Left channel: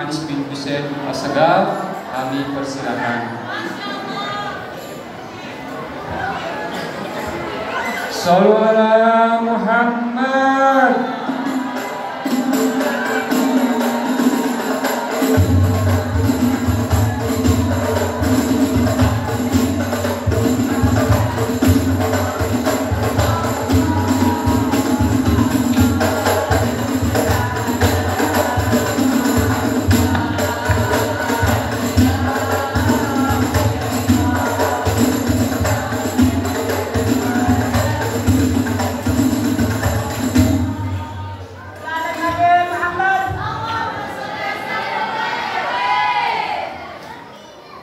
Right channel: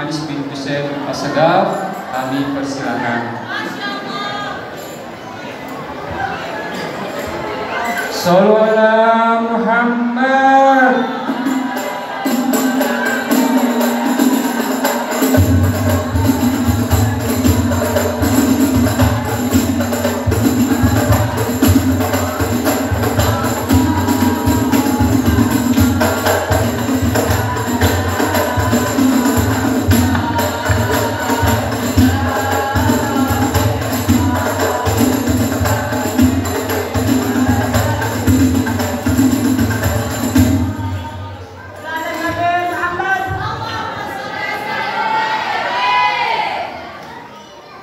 Anis bin Hussein Osadaf, kami persilakan. Sallu ala Muhammad.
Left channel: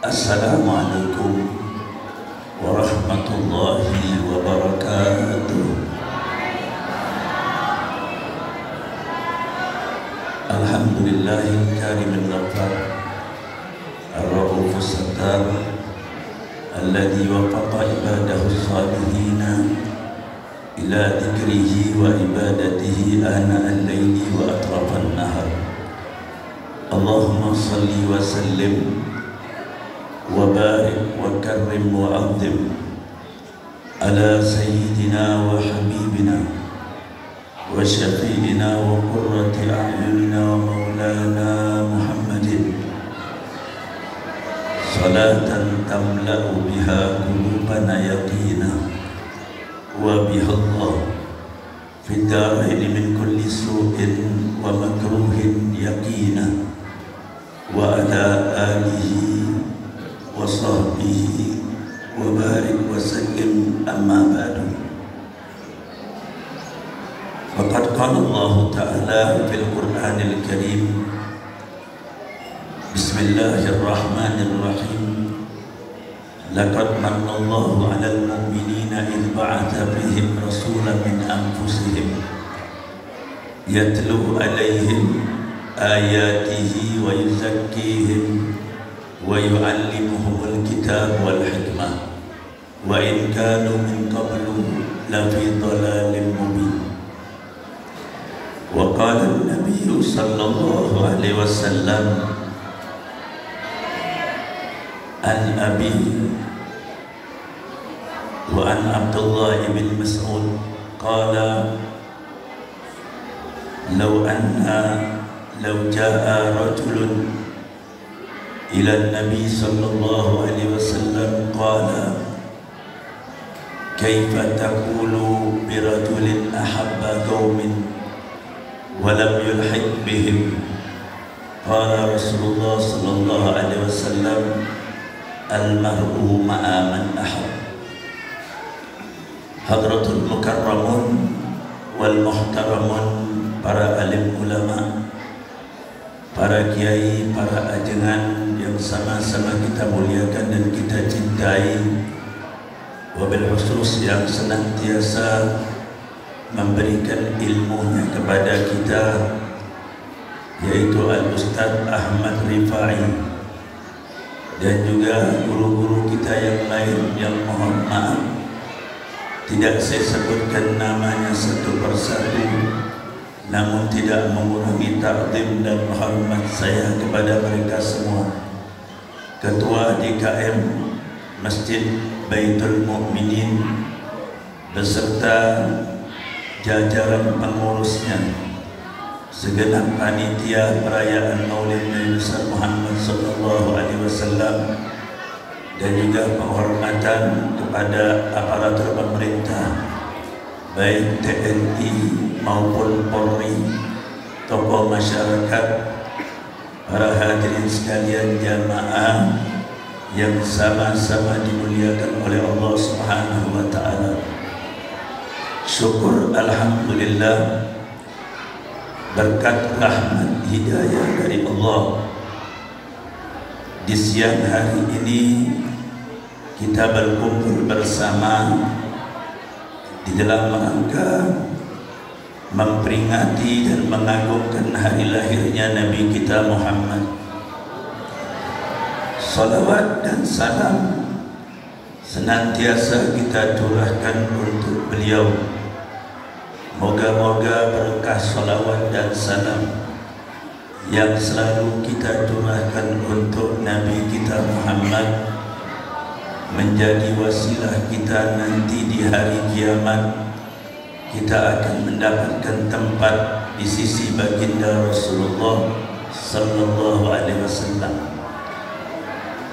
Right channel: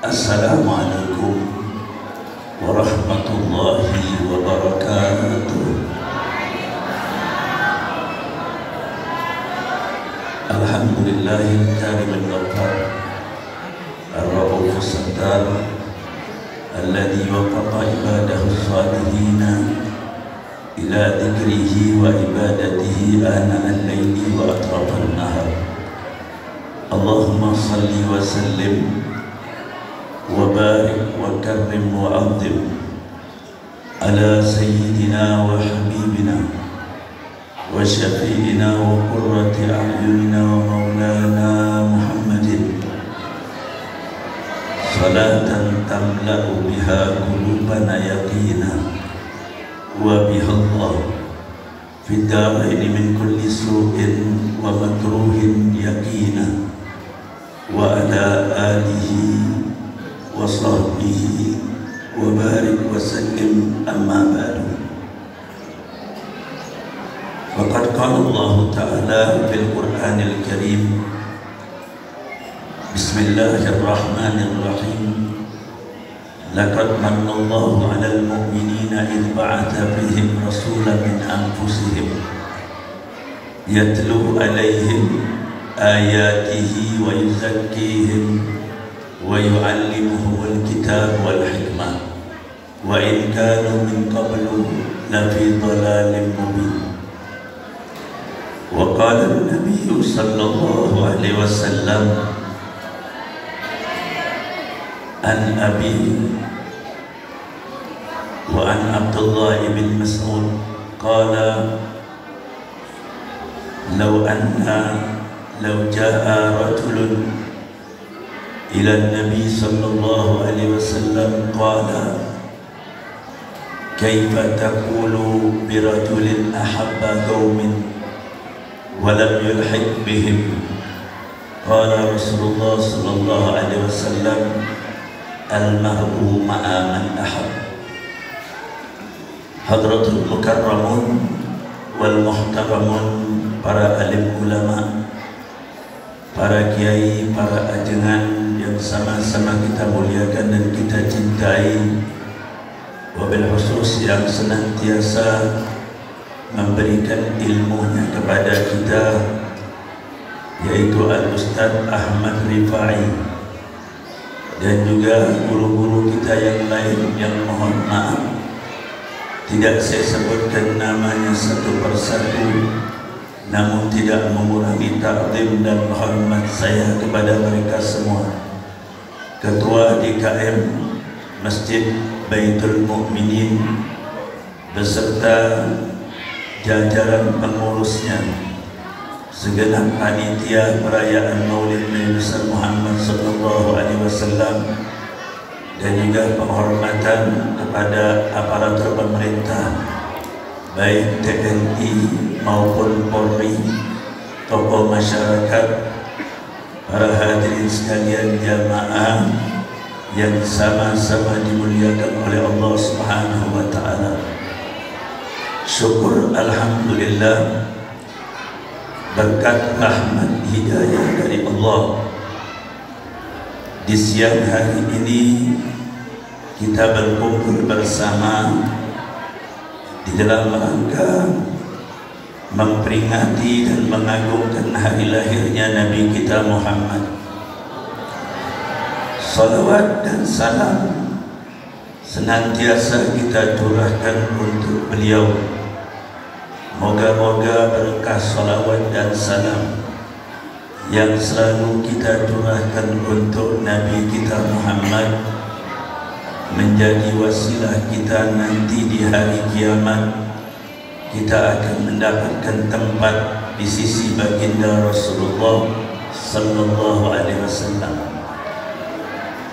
Assalamualaikum warahmatullahi wabarakatuh. Alhamdulillahil karimil ghaffar ar-raufus sattar alladzi wafaqa ibadahu salihina ila dzikrihi wa ibadatihi ana al-laili wa atrafan nahar. Allahumma salli wa sallim wa barik wa karrim wa azim ala sayyidina wa habibina wa syafi'ina wa qurrati a'yunina wa maulana Muhammadin salatan tamla'u biha qulubana yaqina wa biha Allah fid daraini min kulli su'in wa makruhin yaqina wa ala alihi wa sahbihi wa barik wa sallim amma ba'du. Faqad qala Allah Ta'ala fil Qur'anil Karim, Bismillahirrahmanirrahim, laqad manna Allahu 'alal mu'minina idh ba'atha fihim rasulan min anfusihim yatlu 'alaihim ayatihi wa yuzakkihim wa yu'allimuhumul kitab wal hikmah wa in kanu min qablu lafi dhalalin mubin. Wa qala an-nabiy sallallahu alaihi wasallam an Abi wa an Abdullah ibn Mas'ud qala law jaa rajulun ila an-nabi sallallahu alaihi wasallam qala kaifa taqulu bi rajulin ahabba qaumin wa lam yulhiq bihim qala Rasulullah sallallahu alaihi wasallam al-mar'u ma'a man ahab. Hadratul mukarramun wal muhtaramun, para alim ulama, para kiai, para ajengan yang sama-sama kita muliakan dan kita cintai, wabil khusus yang senantiasa memberikan ilmunya kepada kita, yaitu Al-Ustaz Ahmad Rifai, dan juga guru-guru kita yang lain yang mohon maaf tidak saya sebutkan namanya satu persatu, namun tidak mengurangi takdim dan hormat saya kepada mereka semua. Ketua DKM Masjid Baitul Mukminin beserta jajaran pengurusnya, segenap panitia perayaan Maulid Nabi Muhammad sallallahu alaihi wasallam, dan juga penghormatan kepada aparatur pemerintah baik TNI maupun Polri, tokoh masyarakat, para hadirin sekalian jamaah yang sama-sama dimuliakan oleh Allah Subhanahu wa taala. Syukur alhamdulillah, berkat rahmat hidayah dari Allah, di siang hari ini kita berkumpul bersama di dalam rangka memperingati dan mengagungkan hari lahirnya Nabi kita Muhammad. Salawat dan salam senantiasa kita curahkan untuk beliau. Moga-moga berkah salawat dan salam yang selalu kita curahkan untuk Nabi kita Muhammad menjadi wasilah kita nanti di hari kiamat. Kita akan mendapatkan tempat di sisi baginda Rasulullah sallallahu alaihi wasallam.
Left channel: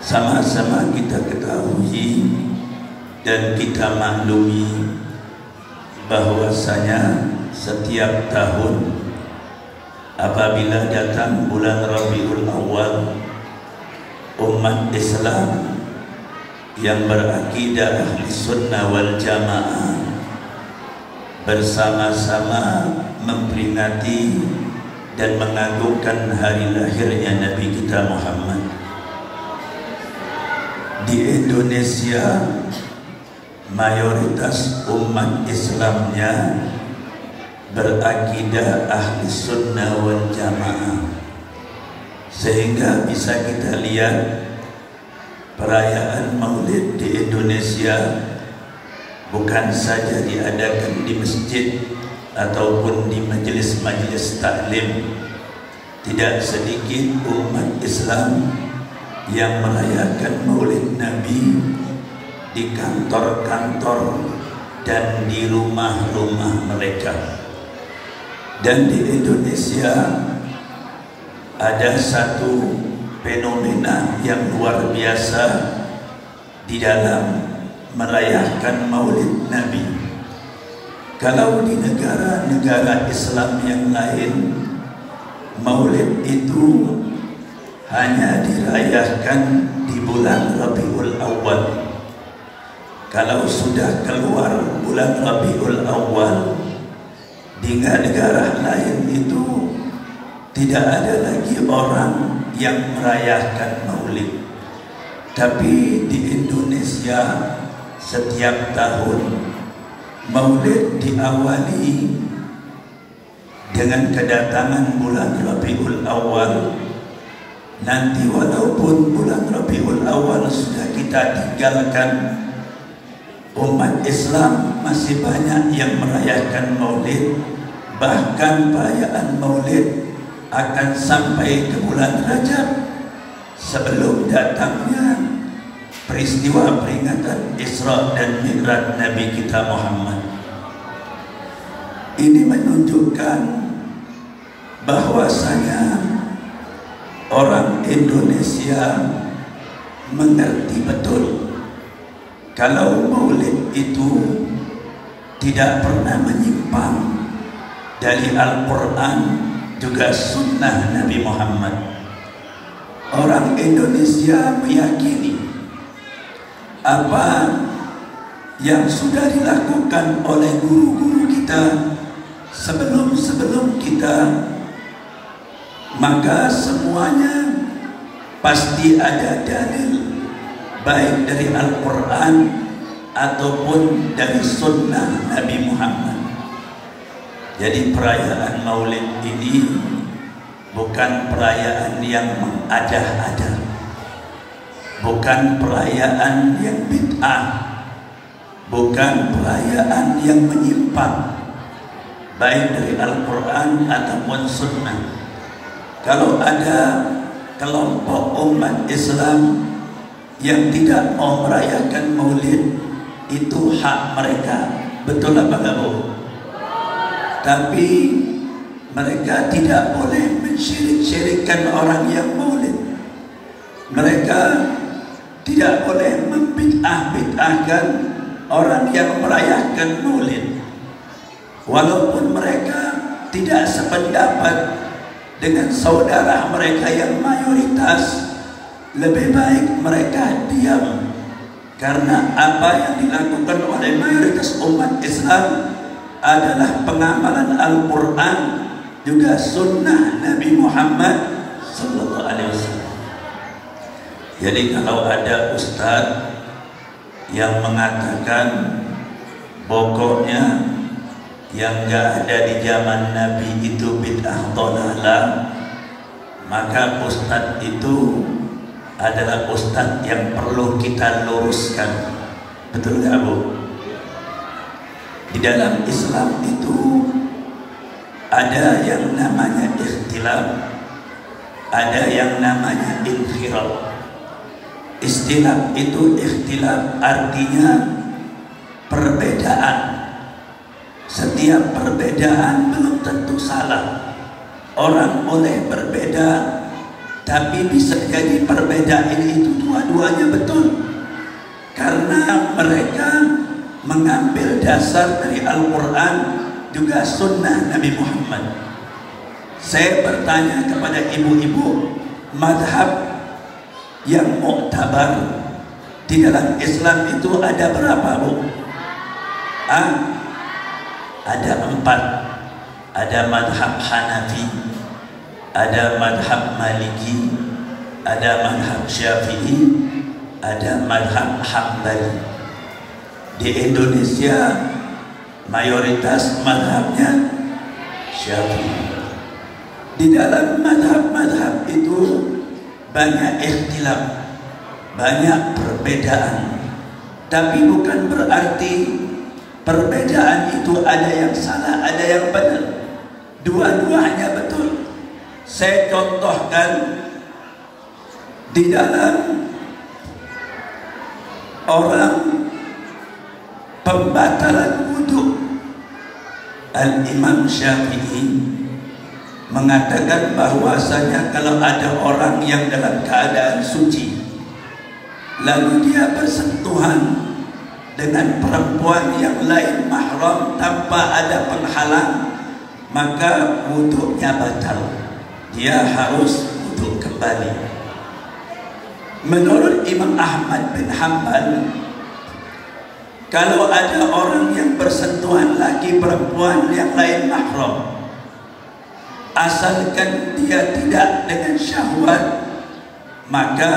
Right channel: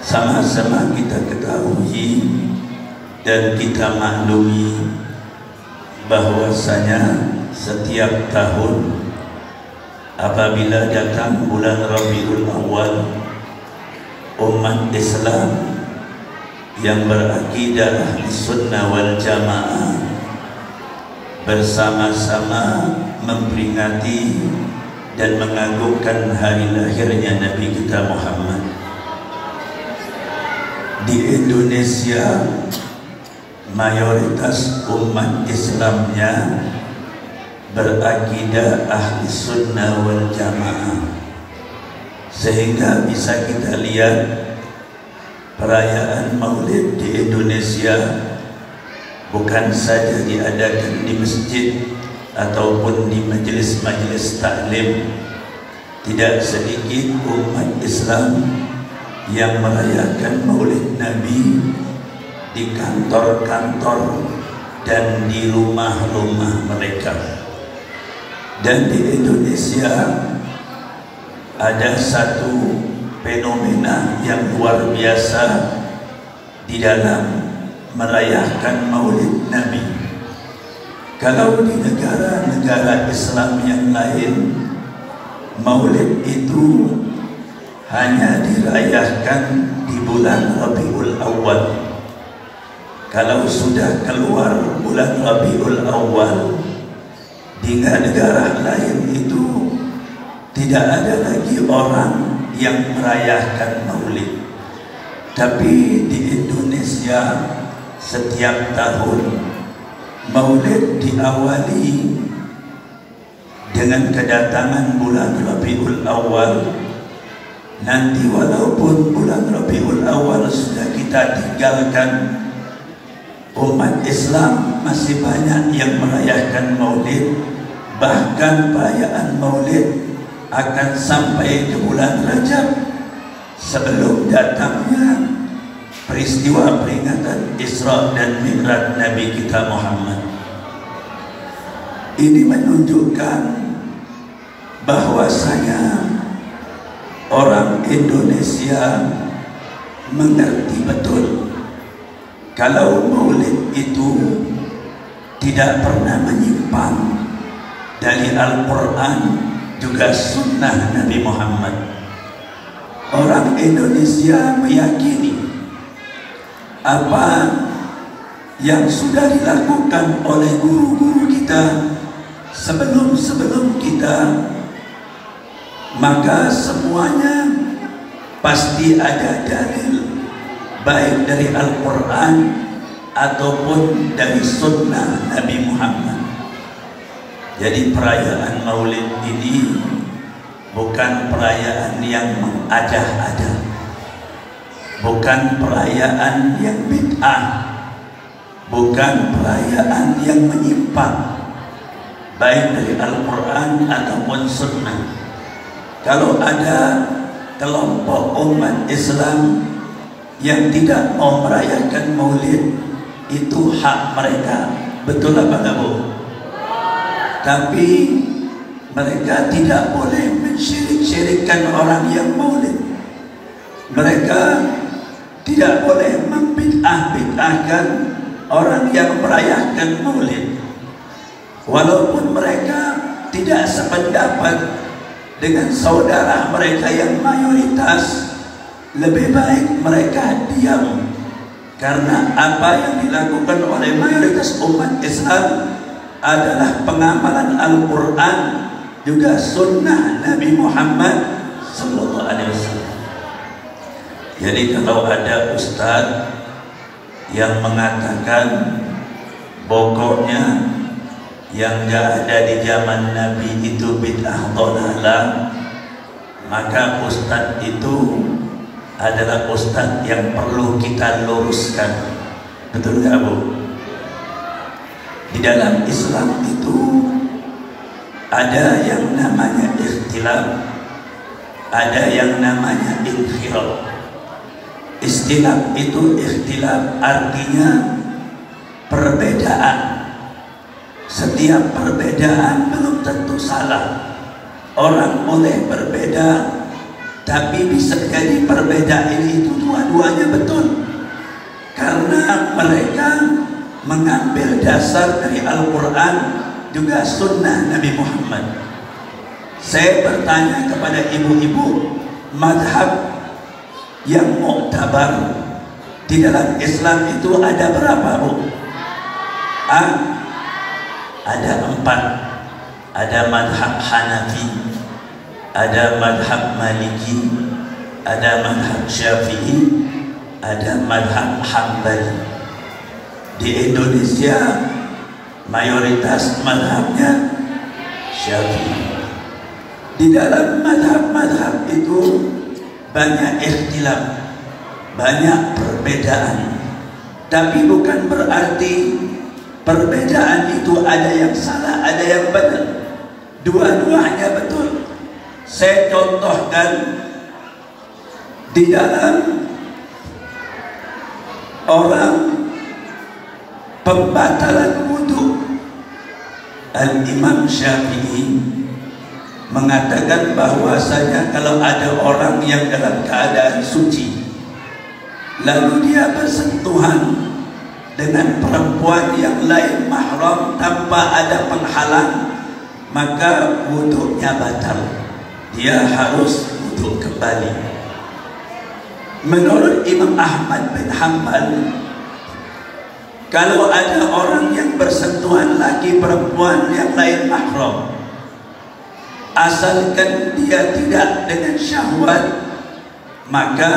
Sama-sama kita ketahui dan kita maklumi bahwasanya setiap tahun apabila datang bulan Rabiul Awal, umat Islam yang berakidah ahli sunnah wal jamaah bersama-sama memperingati dan mengagungkan hari lahirnya Nabi kita Muhammad. Di Indonesia mayoritas umat Islamnya berakidah ahli sunnah wal jamaah, sehingga bisa kita lihat perayaan Maulid di Indonesia bukan saja diadakan di masjid ataupun di majelis-majelis taklim. Tidak sedikit umat Islam yang merayakan Maulid Nabi di kantor-kantor dan di rumah-rumah mereka. Dan di Indonesia ada satu fenomena yang luar biasa di dalam merayakan Maulid Nabi. Kalau di negara-negara Islam yang lain, Maulid itu hanya dirayakan di bulan Rabiul Awal. Kalau sudah keluar bulan Rabiul Awal, di negara lain itu tidak ada lagi orang yang merayakan Maulid. Tapi di Indonesia setiap tahun Maulid diawali dengan kedatangan bulan Rabiul Awal. Nanti walaupun bulan Rabiul Awal sudah kita tinggalkan, umat Islam masih banyak yang merayakan Maulid. Bahkan perayaan Maulid akan sampai ke bulan Rajab sebelum datangnya peristiwa peringatan Isra dan Mi'raj Nabi kita Muhammad. Ini menunjukkan bahwasanya orang Indonesia mengerti betul kalau Maulid itu tidak pernah menyimpang dari Al-Quran juga sunnah Nabi Muhammad. Orang Indonesia meyakini apa yang sudah dilakukan oleh guru-guru kita sebelum kita, maka semuanya pasti ada dalil, baik dari Al-Quran ataupun dari sunnah Nabi Muhammad. Jadi perayaan Maulid ini bukan perayaan yang mengada-ada, bukan perayaan yang bid'ah, bukan perayaan yang menyimpang baik dari Al-Quran ataupun sunnah. Kalau ada kelompok umat Islam yang tidak mau merayakan Maulid, itu hak mereka, betul apa enggak Bu? Tapi mereka tidak boleh mensyirik-syirikkan orang yang Maulid. Mereka tidak boleh membid'ah-bid'ahkan orang yang merayakan Maulid. Walaupun mereka tidak sependapat dengan saudara mereka yang mayoritas, lebih baik mereka diam. Karena apa yang dilakukan oleh mayoritas umat Islam adalah pengamalan Al-Quran juga sunnah Nabi Muhammad sallallahu alaihi wasallam. Jadi kalau ada ustaz yang mengatakan pokoknya yang gak ada di zaman Nabi itu bid'ah dhalalah, maka ustaz itu adalah ustaz yang perlu kita luruskan. Betul gak Bu? Di dalam Islam itu ada yang namanya ikhtilaf ada yang namanya inkhiraf. Istilah itu ikhtilaf artinya perbedaan. Setiap perbedaan belum tentu salah. Orang boleh berbeda, tapi bisa jadi perbedaan itu dua-duanya betul, karena mereka mengambil dasar dari Al-Quran juga sunnah Nabi Muhammad. Saya bertanya kepada ibu-ibu, madhab yang mu'tabar di dalam Islam itu ada berapa, Bu? Ada 4. Ada madhab Hanafi, ada madhab Maliki, ada madhab Syafi'i, ada madhab Hambali. Di Indonesia mayoritas madhabnya Syafi'i. Di dalam madhab-madhab itu banyak ikhtilaf, banyak perbedaan. Tapi bukan berarti perbedaan itu ada yang salah, ada yang benar. Dua-duanya betul. Saya contohkan di dalam orang pembatalan wudu, Al-Imam Syafi'i mengatakan bahwasanya kalau ada orang yang dalam keadaan suci lalu dia bersentuhan dengan perempuan yang lain mahram tanpa ada penghalang, maka wudunya batal. Dia harus wudu kembali. Menurut Imam Ahmad bin Hanbal, kalau ada orang yang bersentuhan laki perempuan yang lain mahram, asalkan dia tidak dengan syahwat, maka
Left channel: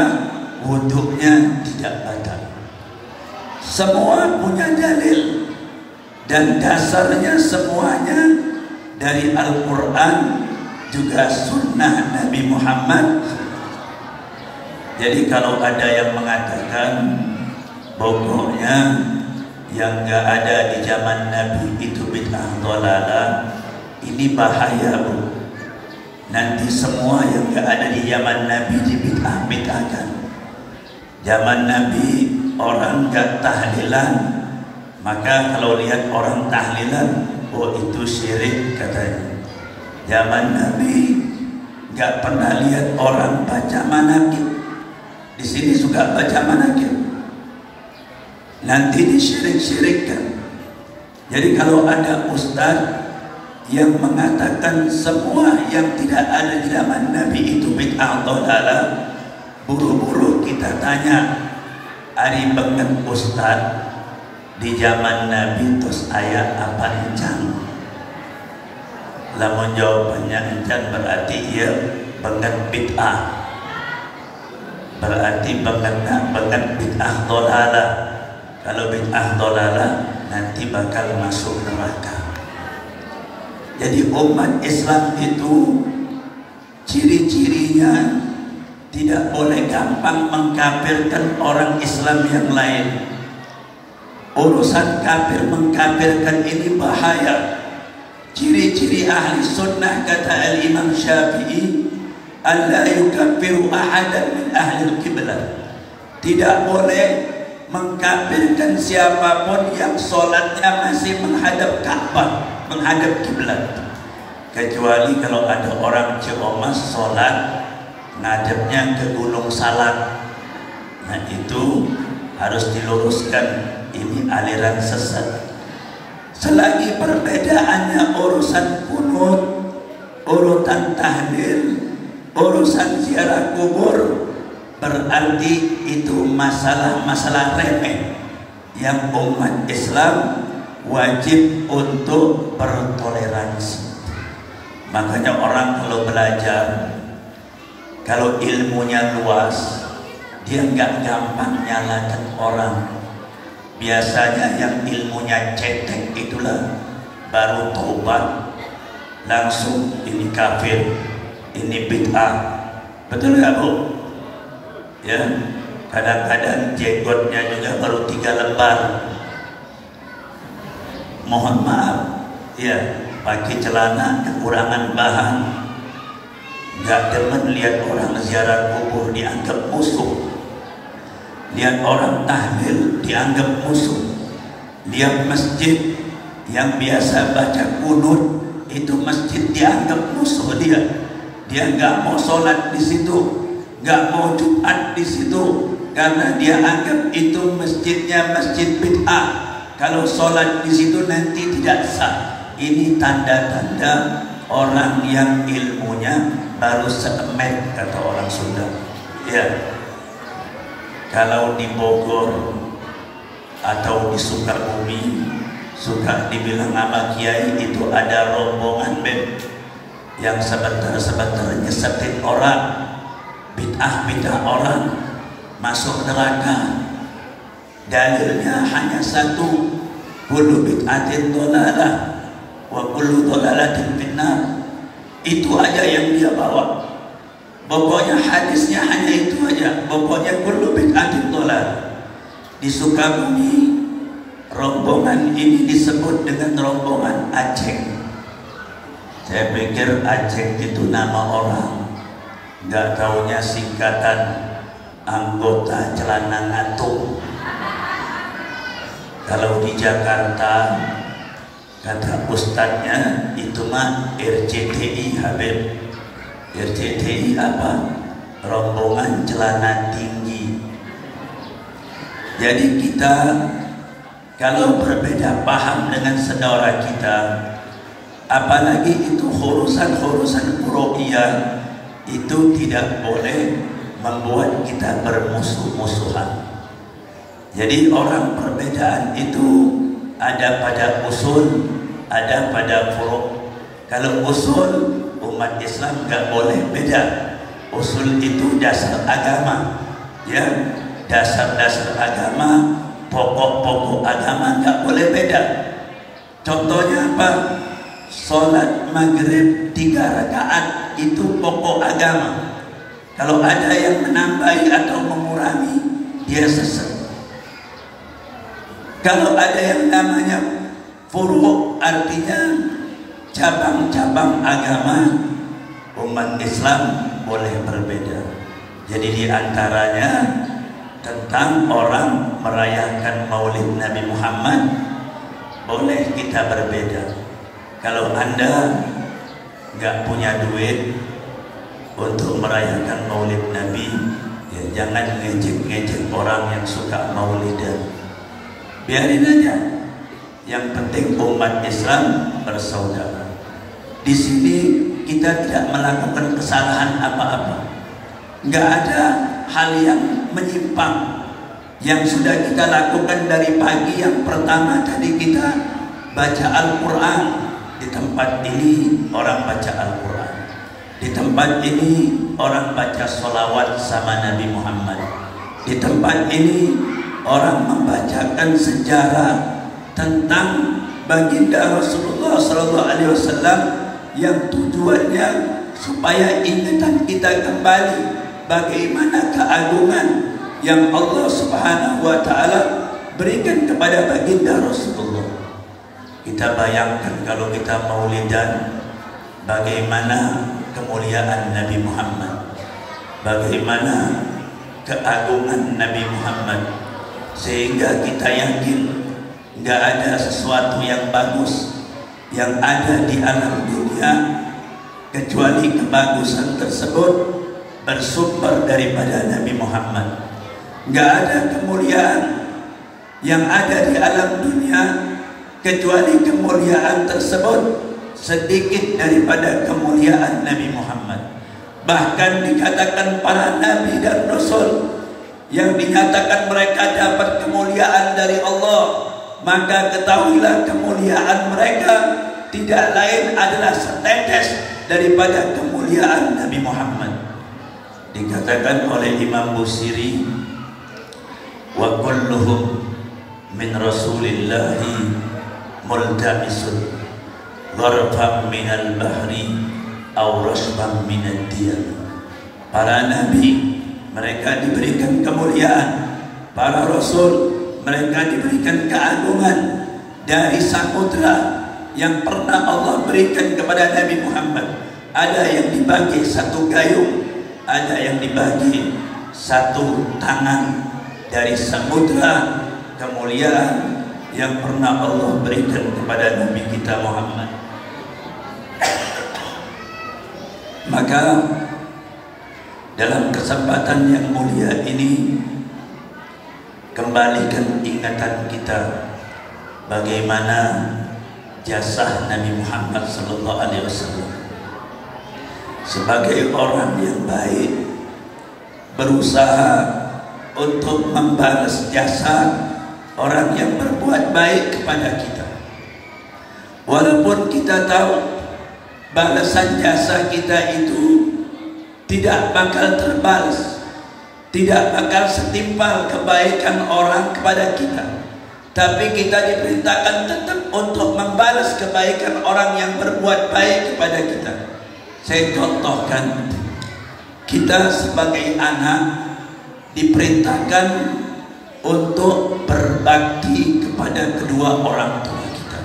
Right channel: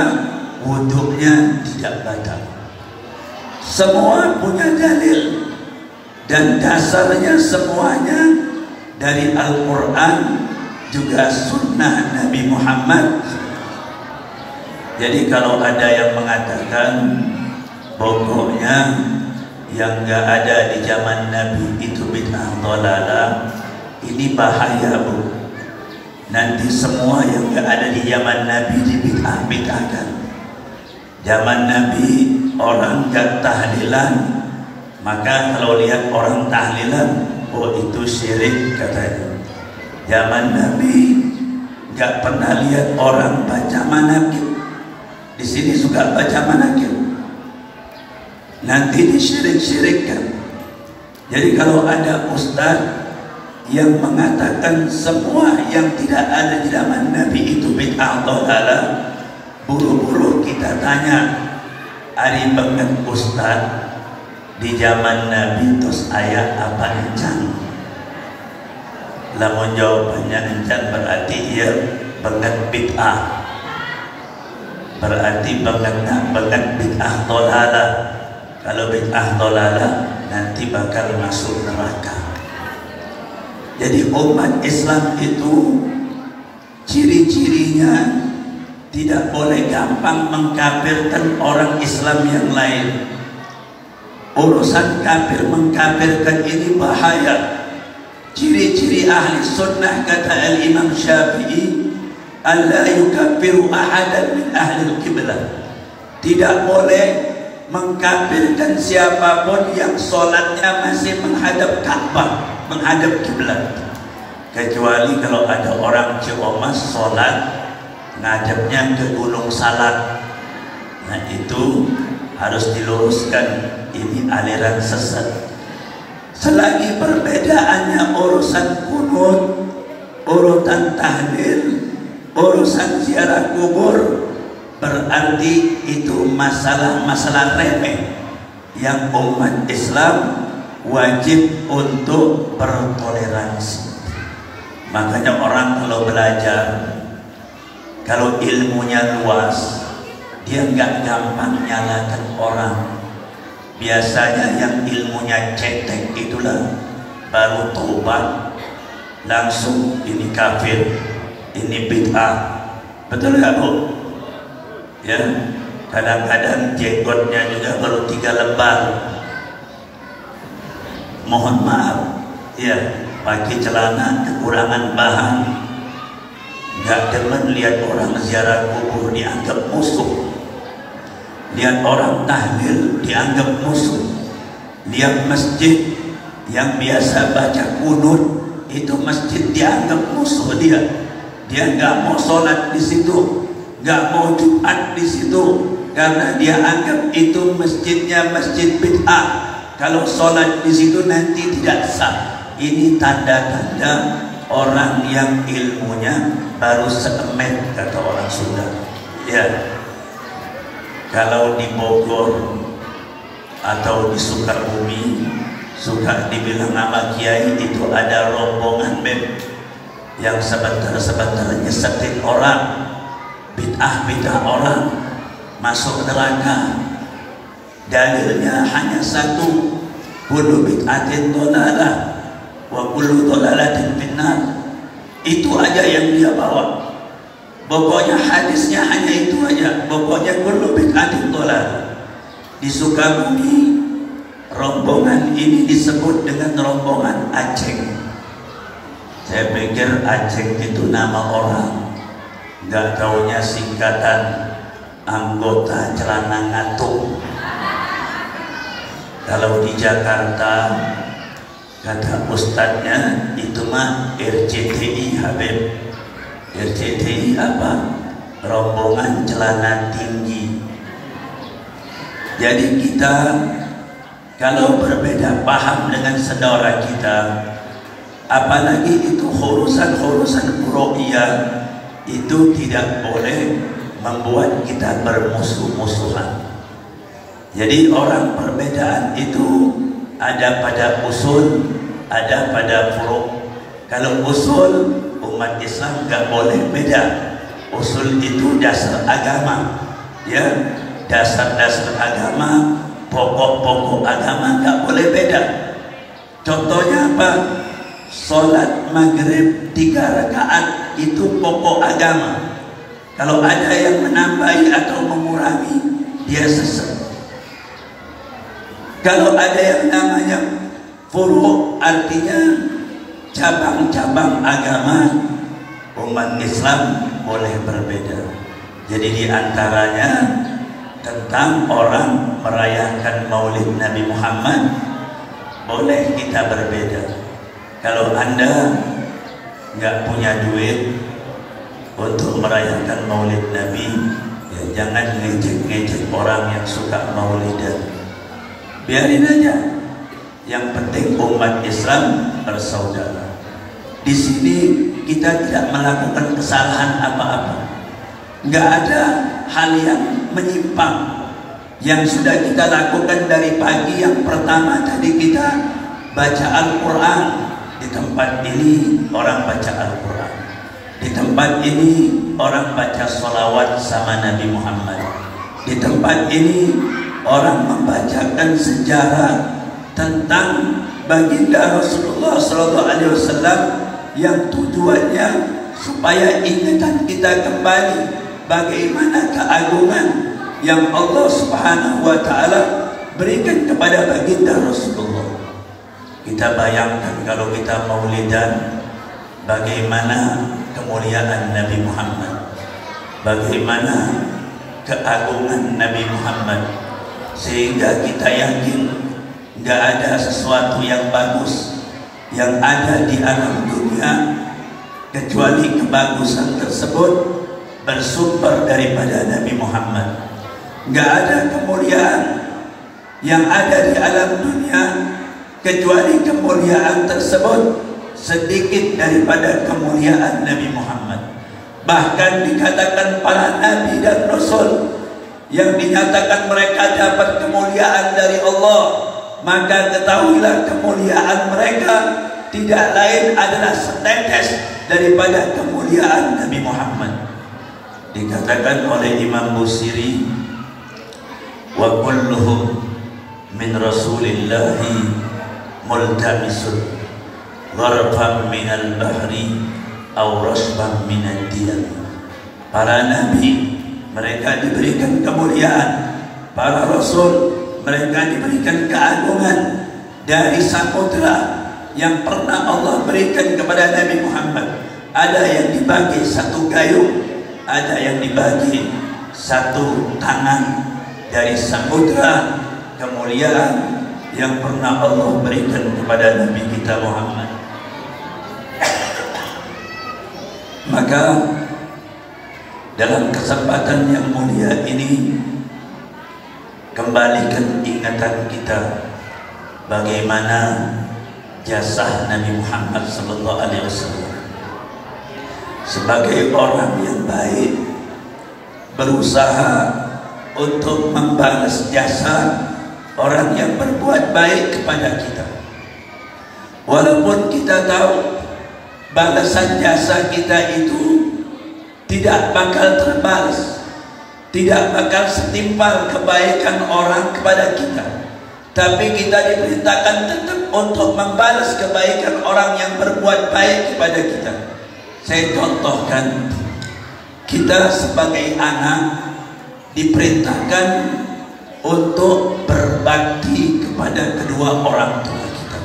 wudunya tidak batal. Semua punya dalil, dan dasarnya semuanya dari Al-Quran juga sunnah Nabi Muhammad. Jadi kalau ada yang mengatakan pokoknya yang gak ada di zaman Nabi itu bid'ah dhalalah, ini bahaya, Bu. Nanti semua yang gak ada di zaman Nabi dibid'ah-bid'ahkan. Zaman Nabi orang gak tahlilan, maka kalau lihat orang tahlilan, oh itu syirik katanya. Zaman Nabi gak pernah lihat orang baca manakib. Di sini juga baca manakib. Nanti disyirik-syirikkan. Jadi kalau ada ustaz yang mengatakan semua yang tidak ada di zaman Nabi itu bid'ah dhalalah, buru-buru kita tanya, ari banget ustaz di zaman Nabi terus ayat apa encang? Lamun jawabannya encang berarti ia banget bid'ah, berarti banget bid'ah dhalalah. Kalau bid'ah dhalalah nanti bakal masuk neraka. Jadi umat Islam itu ciri-cirinya tidak boleh gampang mengkafirkan orang Islam yang lain. Urusan kafir mengkafirkan ini bahaya. Ciri-ciri ahli sunnah kata Al-Imam Syafi'i, alla yukaffiru ahadan min ahli al-qiblah. Tidak boleh mengkafirkan siapapun yang solatnya masih menghadap Ka'bah, menghadap kiblat, kecuali kalau ada orang Ciamas solat ngadepnya ke Gunung Salak. Nah itu harus diluruskan, ini aliran sesat. Selagi perbedaannya urusan kunut, urutan tahlil, urusan ziarah kubur, berarti itu masalah remeh yang umat Islam wajib untuk bertoleransi. Makanya orang kalau belajar, kalau ilmunya luas, dia nggak gampang nyalakan orang. Biasanya yang ilmunya cetek itulah baru tobat langsung ini kafir, ini bid'ah. Betul nggak, Bu? Ya, kadang-kadang jenggotnya juga baru 3 lembar. Mohon maaf, ya, pakai celana kekurangan bahan. nggak demen lihat orang ziarah kubur dianggap musuh, lihat orang tahlil dianggap musuh, lihat masjid yang biasa baca kunut itu masjid dianggap musuh dia. Dia nggak mau sholat di situ, nggak mau Jumat di situ, karena dia anggap itu masjidnya masjid bid'ah. Kalau sholat di situ nanti tidak sah. Ini tanda-tanda orang yang ilmunya baru seemet, kata orang Sunda. Ya, kalau di Bogor atau di Sukabumi suka dibilang nama kiai itu ada rombongan band yang sebentar-sebentar nyesetin orang, bid'ah orang masuk neraka. Dalilnya hanya satu, kullu bid'atin dhalalah wa kullu dhalalatin finnar. Itu aja yang dia bawa. Pokoknya hadisnya hanya itu aja. Pokoknya kullu bid'atin dhalalah. Di Sukabumi rombongan ini disebut dengan rombongan Aceh. Saya pikir Aceh itu nama orang, nggak taunya singkatan anggota celana ngatung. Kalau di Jakarta kata ustadznya itu mah RCTI Habib. RCTI apa? Rombongan celana tinggi. Jadi kita kalau berbeda paham dengan saudara kita, apalagi itu urusan-urusan furu'iyah, itu tidak boleh membuat kita bermusuh-musuhan. Jadi orang perbedaan itu ada pada usul, ada pada furu'. Kalau usul, umat Islam gak boleh beda. Usul itu dasar agama, ya, dasar-dasar agama, pokok-pokok agama gak boleh beda. Contohnya apa? Sholat maghrib 3 rakaat itu pokok agama. Kalau ada yang menambahi atau mengurangi, dia sesat. Kalau ada yang namanya furu', artinya cabang-cabang agama, umat Islam boleh berbeda. Jadi diantaranya tentang orang merayakan Maulid Nabi Muhammad, boleh kita berbeda. Kalau Anda nggak punya duit untuk merayakan Maulid Nabi, ya jangan ngejek-ngejek orang yang suka maulidan. Biarin aja. Yang penting umat Islam bersaudara. Di sini kita tidak melakukan kesalahan apa-apa. Nggak ada hal yang menyimpang. Yang sudah kita lakukan dari pagi, yang pertama tadi kita baca Al-Quran. Di tempat ini orang baca Al-Quran. Di tempat ini orang baca sholawat sama Nabi Muhammad. Di tempat ini orang membacakan sejarah tentang baginda Rasulullah SAW yang tujuannya supaya ingatan kita kembali bagaimana keagungan yang Allah Subhanahu wa Ta'ala berikan kepada baginda Rasulullah. Kita bayangkan kalau kita maulidan, bagaimana kemuliaan Nabi Muhammad, bagaimana keagungan Nabi Muhammad, sehingga kita yakin nggak ada sesuatu yang bagus yang ada di alam dunia kecuali kebagusan tersebut bersumber daripada Nabi Muhammad. Nggak ada kemuliaan yang ada di alam dunia kecuali kemuliaan tersebut sedikit daripada kemuliaan Nabi Muhammad. Bahkan dikatakan para nabi dan rasul yang dinyatakan mereka dapat kemuliaan dari Allah, maka ketahuilah kemuliaan mereka tidak lain adalah setetes daripada kemuliaan Nabi Muhammad. Dikatakan oleh Imam Busiri, wa kulluhum min Rasulillahi multamisun gharfan minal bahri aw rasban minad diyan. Para nabi mereka diberikan kemuliaan, para rasul mereka diberikan keagungan dari samudra yang pernah Allah berikan kepada Nabi Muhammad, ada yang dibagi satu gayung, ada yang dibagi satu tangan dari samudra kemuliaan yang pernah Allah berikan kepada Nabi kita Muhammad. Maka dalam kesempatan yang mulia ini, kembalikan ingatan kita bagaimana jasa Nabi Muhammad SAW sebagai orang yang baik, berusaha untuk membalas jasa orang yang berbuat baik kepada kita. Walaupun kita tahu balasan jasa kita itu tidak bakal terbalas, tidak bakal setimpal kebaikan orang kepada kita, tapi kita diperintahkan tetap untuk membalas kebaikan orang yang berbuat baik kepada kita. Saya contohkan, kita sebagai anak diperintahkan untuk berbakti kepada kedua orang tua kita.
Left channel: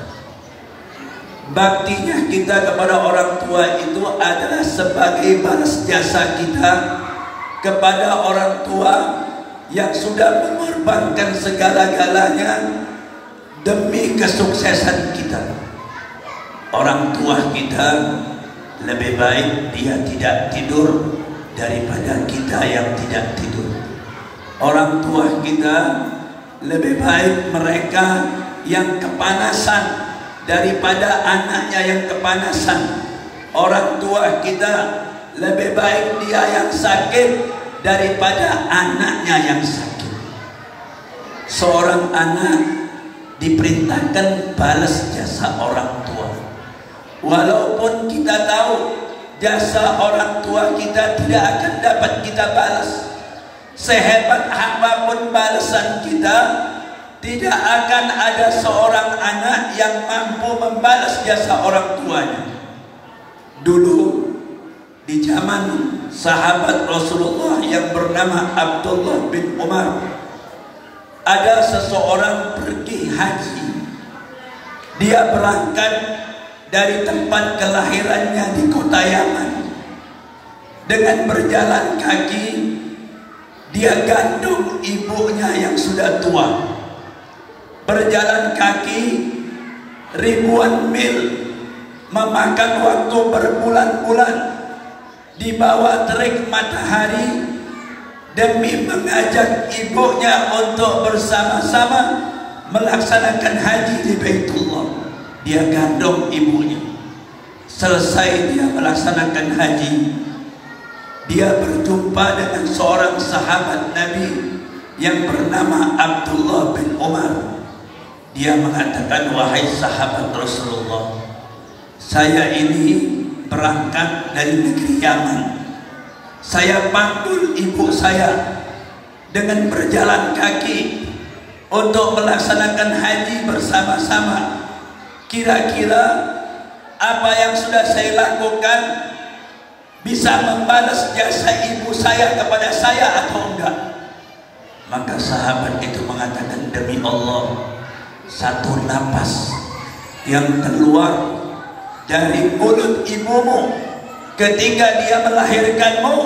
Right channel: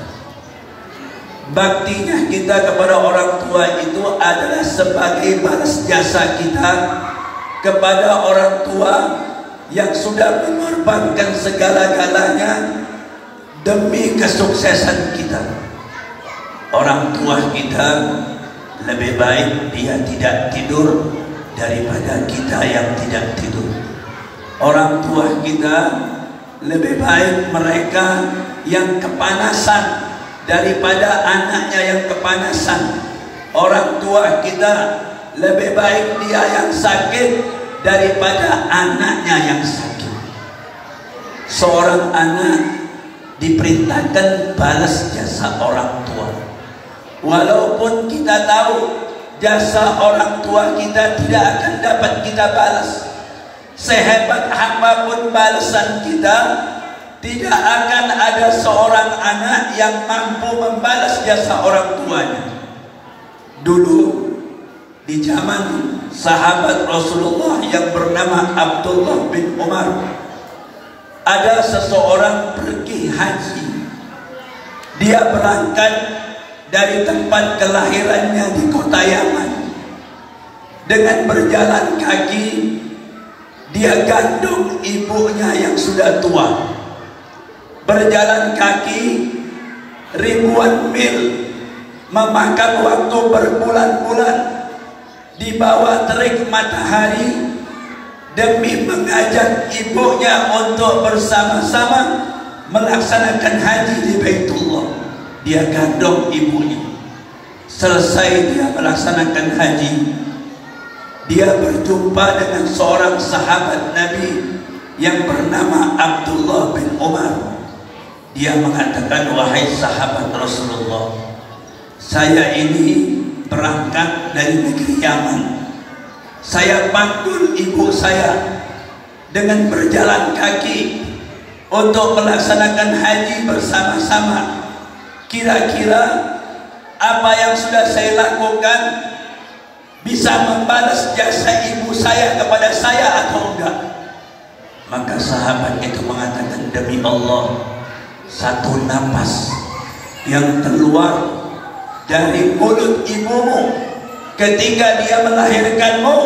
Baktinya kita kepada orang tua itu adalah sebagai balas jasa kita kepada orang tua yang sudah mengorbankan segala-galanya demi kesuksesan kita. Orang tua kita lebih baik dia tidak tidur daripada kita yang tidak tidur. Orang tua kita lebih baik mereka yang kepanasan daripada anaknya yang kepanasan. Orang tua kita lebih baik dia yang sakit daripada anaknya yang sakit. Seorang anak diperintahkan balas jasa orang tua. Walaupun kita tahu jasa orang tua kita tidak akan dapat kita balas, sehebat apapun balasan kita, tidak akan ada seorang anak yang mampu membalas jasa orang tuanya. Dulu di zaman sahabat Rasulullah yang bernama Abdullah bin Umar, ada seseorang pergi haji. Dia berangkat dari tempat kelahirannya di kota Yaman. Dengan berjalan kaki, dia gandum ibunya yang sudah tua. Berjalan kaki ribuan mil, memakan waktu berbulan-bulan di bawah terik matahari demi mengajak ibunya untuk bersama-sama melaksanakan haji di Baitullah. Dia gandum ibunya. Selesai dia melaksanakan haji, dia berjumpa dengan seorang sahabat Nabi yang bernama Abdullah bin Umar. Dia mengatakan, wahai sahabat Rasulullah, saya ini berangkat dari negeri Yaman. Saya panggil ibu saya dengan berjalan kaki untuk melaksanakan haji bersama-sama. Kira-kira apa yang sudah saya lakukan bisa membalas jasa ibu saya kepada saya atau enggak? Maka sahabat itu mengatakan, demi Allah, satu napas yang keluar dari mulut ibumu ketika dia melahirkanmu,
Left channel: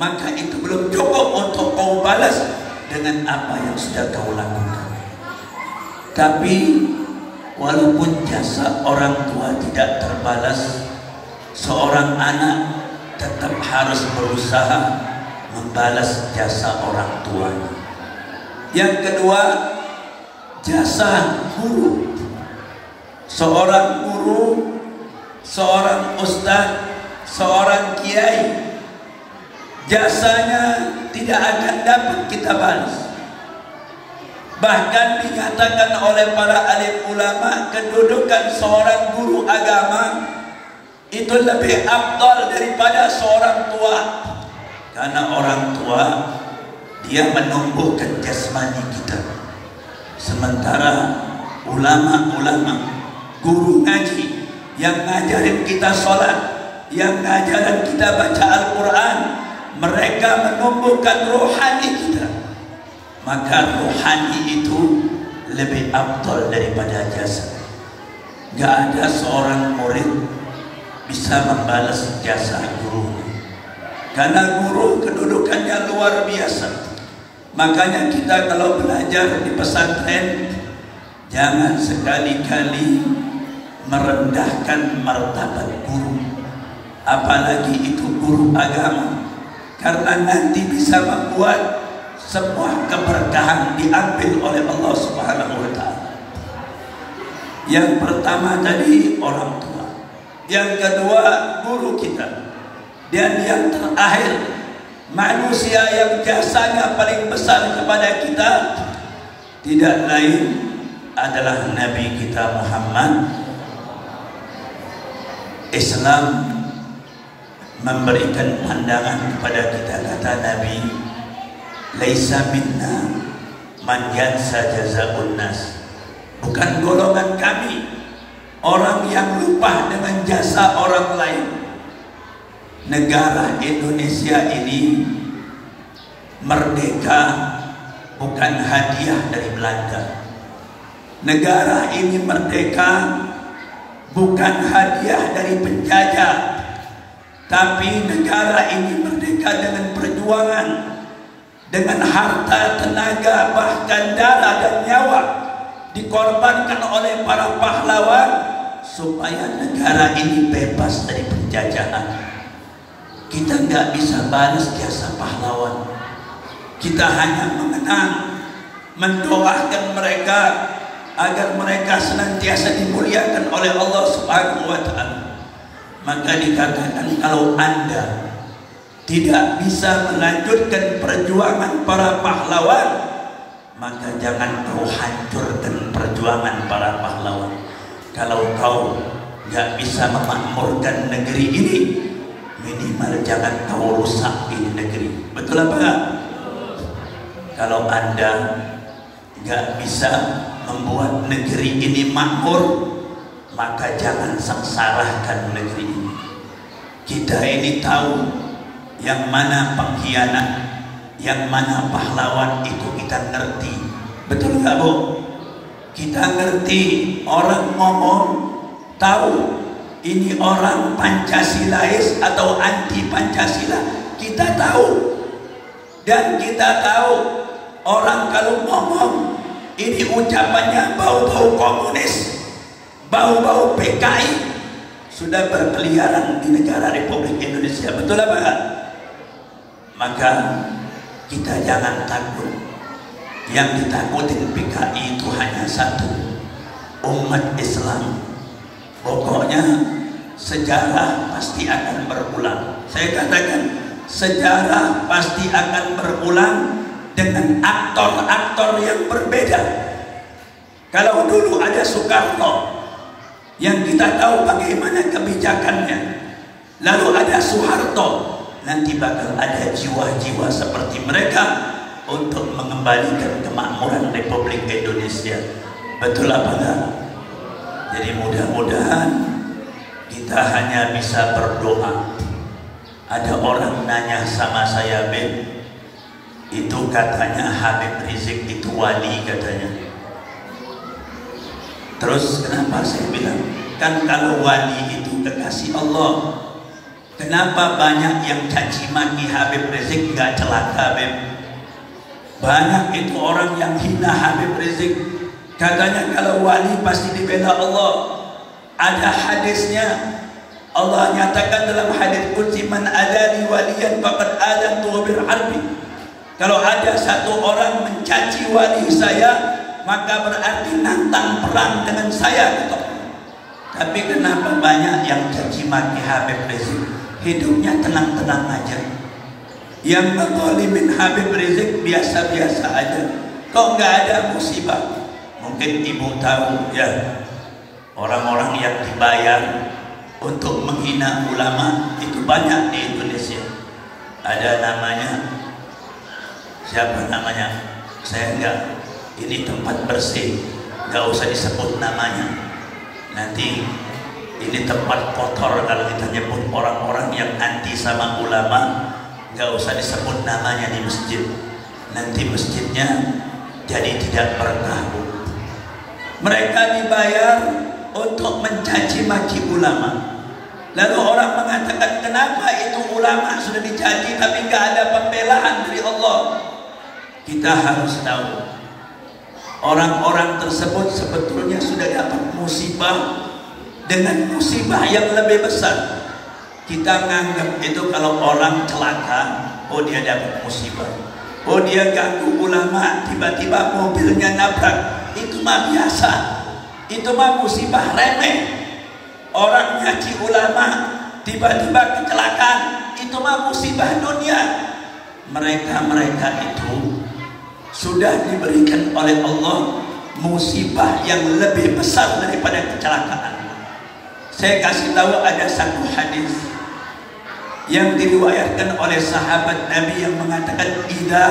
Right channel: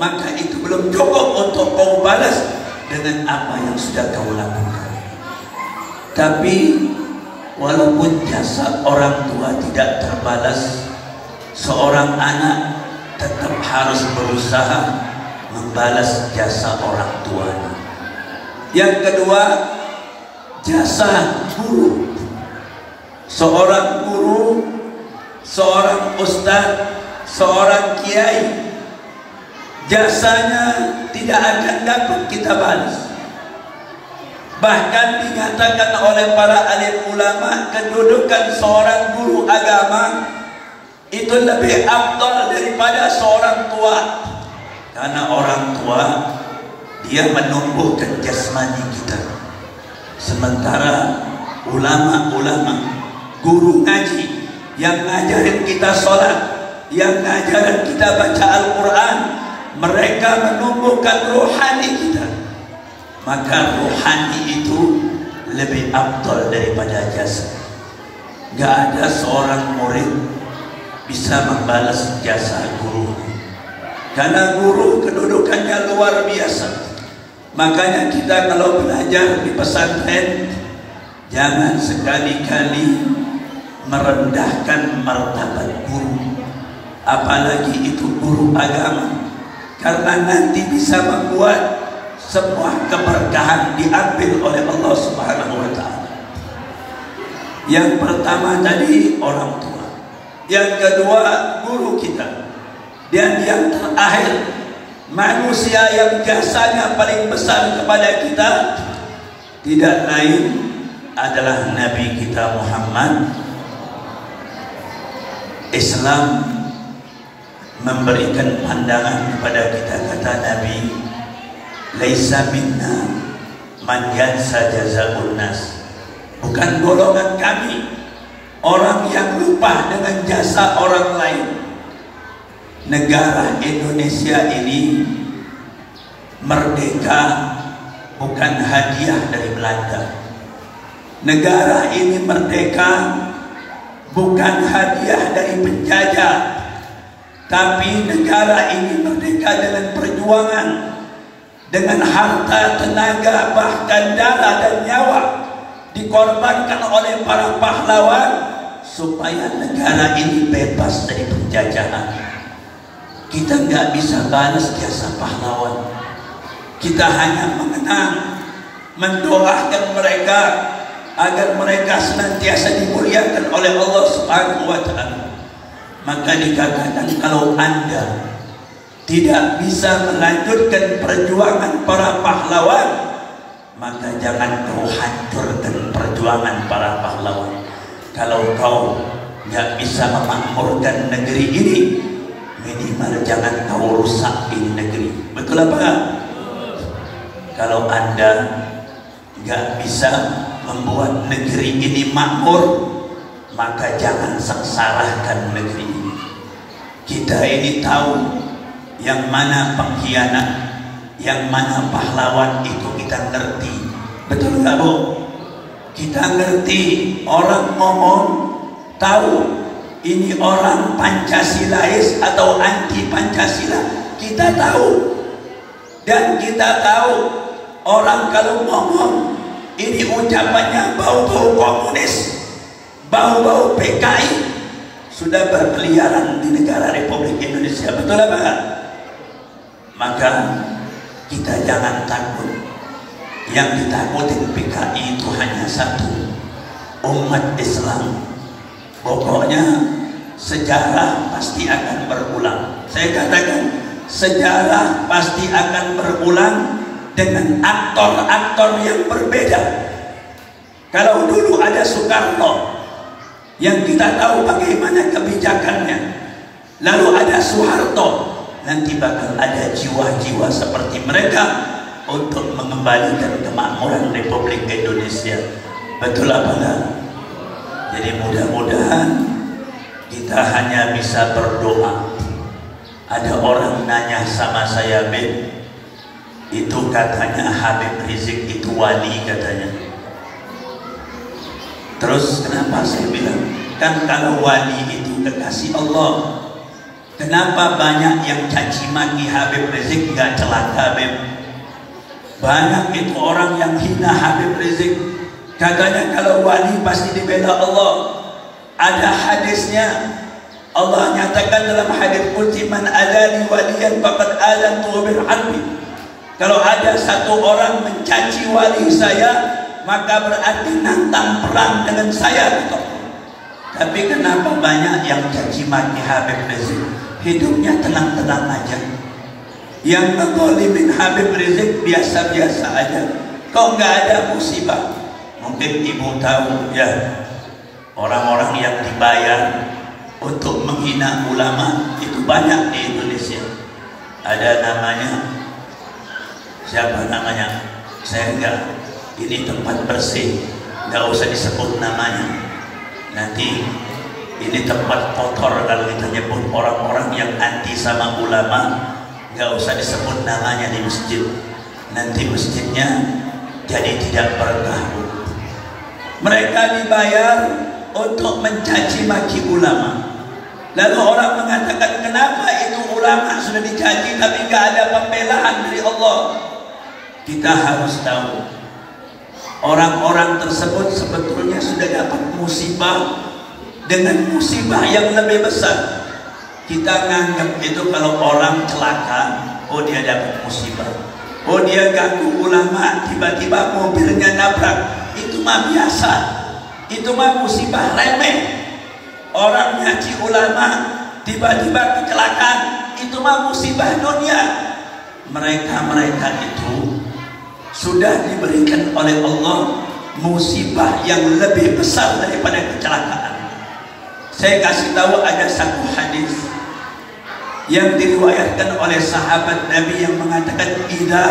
maka itu belum cukup untuk kau balas dengan apa yang sudah kau lakukan. Tapi walaupun jasa orang tua tidak terbalas, seorang anak tetap harus berusaha membalas jasa orang tuanya. Yang kedua, jasa guru. Seorang guru, seorang ustaz, seorang kiai, jasanya tidak akan dapat kita balas. Bahkan dikatakan oleh para alim ulama, kedudukan seorang guru agama itu lebih afdal daripada seorang tua. Karena orang tua dia menumbuhkan jasmani kita, sementara ulama-ulama, guru ngaji yang ngajarin kita sholat, yang ngajarin kita baca Al-Quran, mereka menumbuhkan rohani kita. Maka rohani itu lebih afdal daripada jasa. Gak ada seorang murid bisa membalas jasa guru. Karena guru kedudukannya luar biasa. Makanya kita kalau belajar di pesantren, jangan sekali-kali merendahkan martabat guru, apalagi itu guru agama, karena nanti bisa membuat semua keberkahan diambil oleh Allah Subhanahu wa Ta'ala. Yang pertama tadi orang tua, yang kedua guru kita, dan yang terakhir manusia yang jasanya paling besar kepada kita tidak lain adalah Nabi kita Muhammad. Islam memberikan pandangan kepada kita, kata Nabi, laisa minna man yansa jazaa'un nas. Bukan golongan kami orang yang lupa dengan jasa orang lain. Negara Indonesia ini merdeka bukan hadiah dari Belanda. Negara ini merdeka bukan hadiah dari penjajah, tapi negara ini merdeka dengan perjuangan, dengan harta, tenaga, bahkan darah dan nyawa dikorbankan oleh para pahlawan supaya negara ini bebas dari penjajahan. Kita nggak bisa balas jasa pahlawan. Kita hanya mengenang, mendoakan mereka agar mereka senantiasa dimuliakan oleh Allah Subhanahu wa Ta'ala. Maka dikatakan kalau Anda tidak bisa melanjutkan perjuangan para pahlawan, maka jangan kau hancurkan perjuangan para pahlawan. Kalau kau nggak bisa memakmurkan negeri ini, minimal jangan kau rusak ini negeri. Betul apa? Kalau Anda nggak bisa membuat negeri ini makmur, maka jangan sengsarakan negeri ini. Kita ini tahu yang mana pengkhianat, yang mana pahlawan, itu kita ngerti. Betul nggak Bu? Kita ngerti. Orang ngomong tahu ini orang Pancasilais atau anti Pancasila, kita tahu. Dan kita tahu orang kalau ngomong ini ucapannya bau-bau komunis, bau-bau PKI, sudah berkeliaran di negara Republik Indonesia. Betul apa enggak? Maka kita jangan takut. Yang ditakutin PKI itu hanya satu, umat Islam. Pokoknya sejarah pasti akan berulang. Saya katakan sejarah pasti akan berulang dengan aktor-aktor yang berbeda. Kalau dulu ada Soekarno yang kita tahu bagaimana kebijakannya, lalu ada Soeharto, nanti bakal ada jiwa-jiwa seperti mereka untuk mengembalikan kemakmuran Republik Indonesia. Betul apa enggak? Jadi mudah-mudahan kita hanya bisa berdoa. Ada orang nanya sama saya, Beb, itu katanya Habib Rizik itu wali katanya. Terus kenapa saya bilang, kan kalau wali itu kekasih Allah, kenapa banyak yang caci maki Habib Rizik nggak celaka, Beb? Banyak itu orang yang hina Habib Rizik, katanya kalau wali pasti dibela Allah. Ada hadisnya, Allah nyatakan dalam hadis qudsi, man adani waliyan faqad alantu bil harbi. Kalau ada satu orang mencaci wali saya, maka berarti nantang perang dengan saya. Tapi kenapa banyak yang caci maki Habib Rizik? Hidupnya tenang-tenang aja. Yang ngezalimin Habib Rizik biasa-biasa aja. Kok nggak ada musibah? Mungkin ibu tahu ya, orang-orang yang dibayar untuk menghina ulama itu banyak di Indonesia. Ada namanya, siapa namanya? Saya enggak. Ini tempat bersih, nggak usah disebut namanya. Nanti ini tempat kotor kalau kita nyebut orang-orang yang anti sama ulama, nggak usah disebut namanya di masjid. Nanti masjidnya jadi tidak berkah. Mereka dibayar untuk mencaci maki ulama. Lalu orang mengatakan, kenapa itu ulama sudah dicaci tapi gak ada pembelaan dari Allah? Kita harus tahu, orang-orang tersebut sebetulnya sudah dapat musibah dengan musibah yang lebih besar. Kita nganggap itu kalau orang celaka, oh dia dapat musibah. Oh dia ganggu ulama, tiba-tiba mobilnya nabrak. Itu mah biasa. Itu mah musibah remeh. Orang nyaci ulama, tiba-tiba kecelakaan. Itu mah musibah dunia. Mereka itu sudah diberikan oleh Allah musibah yang lebih besar daripada kecelakaan. Saya kasih tahu ada satu hadis yang diriwayatkan oleh sahabat Nabi yang mengatakan, idza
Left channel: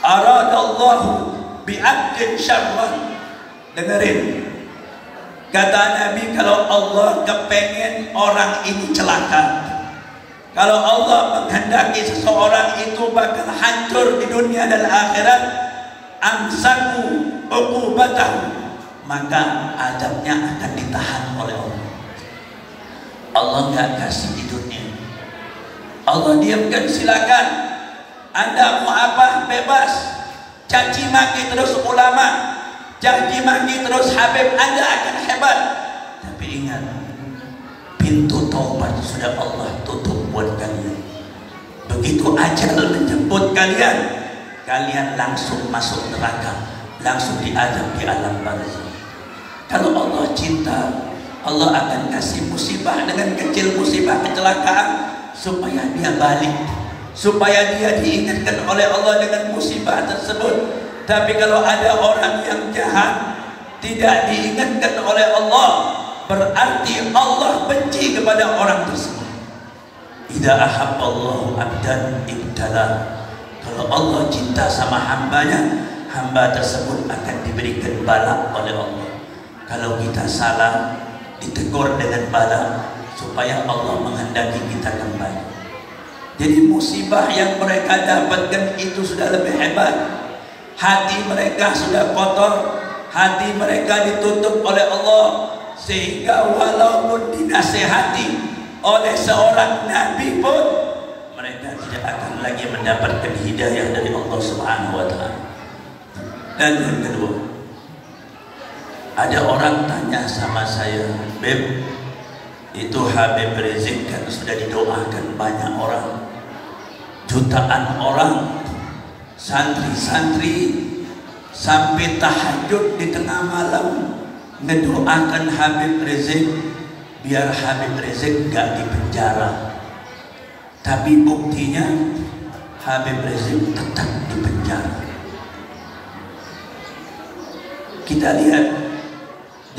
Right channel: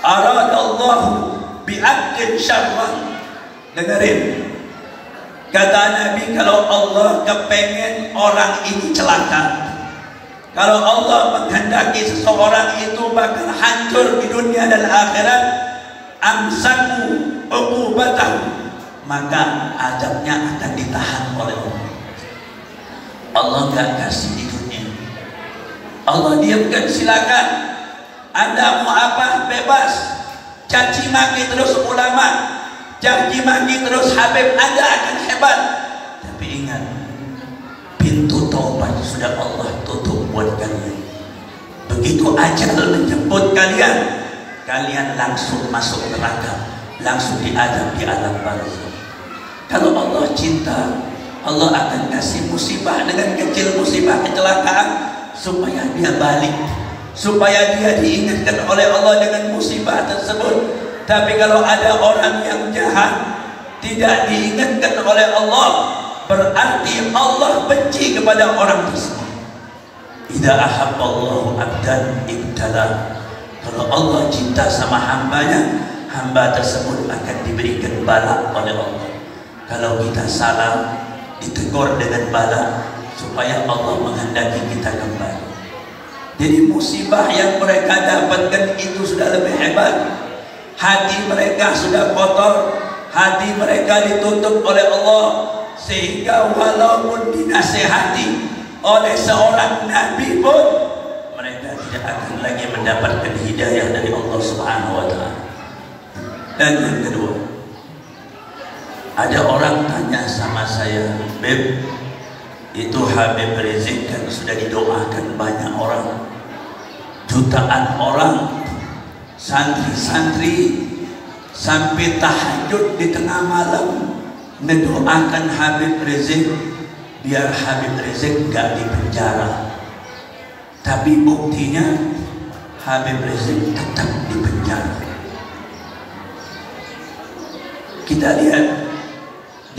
aradallahu bi'abdin syarran. Dengerin, kata Nabi, kalau Allah kepengen orang ini celaka, kalau Allah menghendaki seseorang itu bakal hancur di dunia dan akhirat, amsaku uqubatahu, maka azabnya akan ditahan oleh Allah. Allah gak kasih di dunia, Allah diamkan. Silakan, Anda mau apa bebas, caci maki terus ulama, caci maki terus Habib, Anda akan hebat. Tapi ingat, pintu taubat sudah Allah tutup buat kalian. Begitu ajal menjemput kalian, kalian langsung masuk neraka, langsung diadab di alam barzakh. Kalau Allah cinta, Allah akan kasih musibah dengan kecil, musibah kecelakaan, supaya dia balik, supaya dia diingatkan oleh Allah dengan musibah tersebut. Tapi kalau ada orang yang jahat, tidak diingatkan oleh Allah, berarti Allah benci kepada orang tersebut. Idza ahabballahu abdan ibtala. Kalau Allah cinta sama hambanya, hamba tersebut akan diberikan bala oleh Allah. Kalau kita salah, ditegur dengan bala supaya Allah menghendaki kita kembali. Jadi musibah yang mereka dapatkan itu sudah lebih hebat. Hati mereka sudah kotor, hati mereka ditutup oleh Allah, sehingga walaupun dinasihati oleh seorang nabi pun mereka tidak akan lagi mendapatkan hidayah dari Allah Subhanahu wa Ta'ala. Dan yang kedua, ada orang tanya sama saya, Beb, itu Habib Rizik kan sudah didoakan banyak orang, jutaan orang, santri-santri sampai tahajud di tengah malam mendoakan Habib Rizik biar Habib Rizik gak dipenjara. Tapi buktinya Habib Rizik tetap dipenjara. Kita lihat,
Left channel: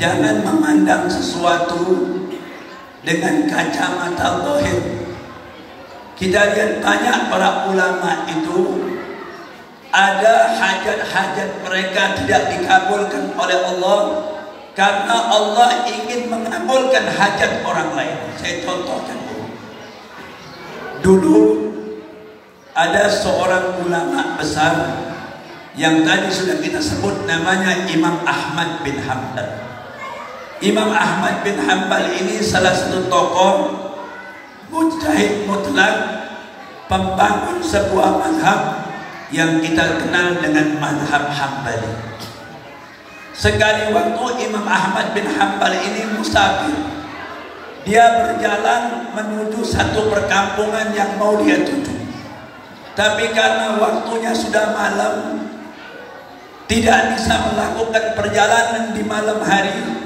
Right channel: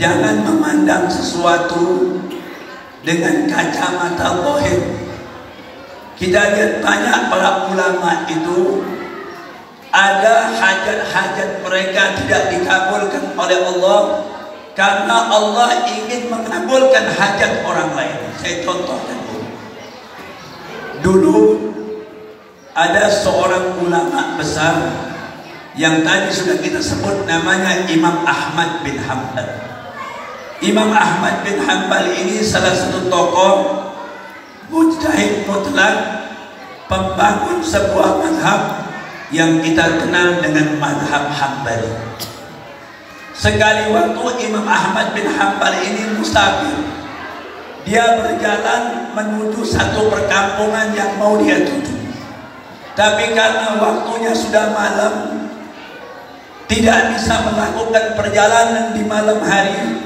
jangan memandang sesuatu dengan kacamata zahir. Kita lihat banyak para ulama itu ada hajat-hajat mereka tidak dikabulkan oleh Allah karena Allah ingin mengabulkan hajat orang lain. Saya contohkan dulu ada seorang ulama besar yang tadi sudah kita sebut, namanya Imam Ahmad bin Hanbal. Imam Ahmad bin Hanbal ini salah satu tokoh mujtahid mutlak, pembangun sebuah mazhab yang kita kenal dengan mazhab Hambali. Sekali waktu Imam Ahmad bin Hanbal ini musafir. Dia berjalan menuju satu perkampungan yang mau dia tuju. Tapi karena waktunya sudah malam, tidak bisa melakukan perjalanan di malam hari,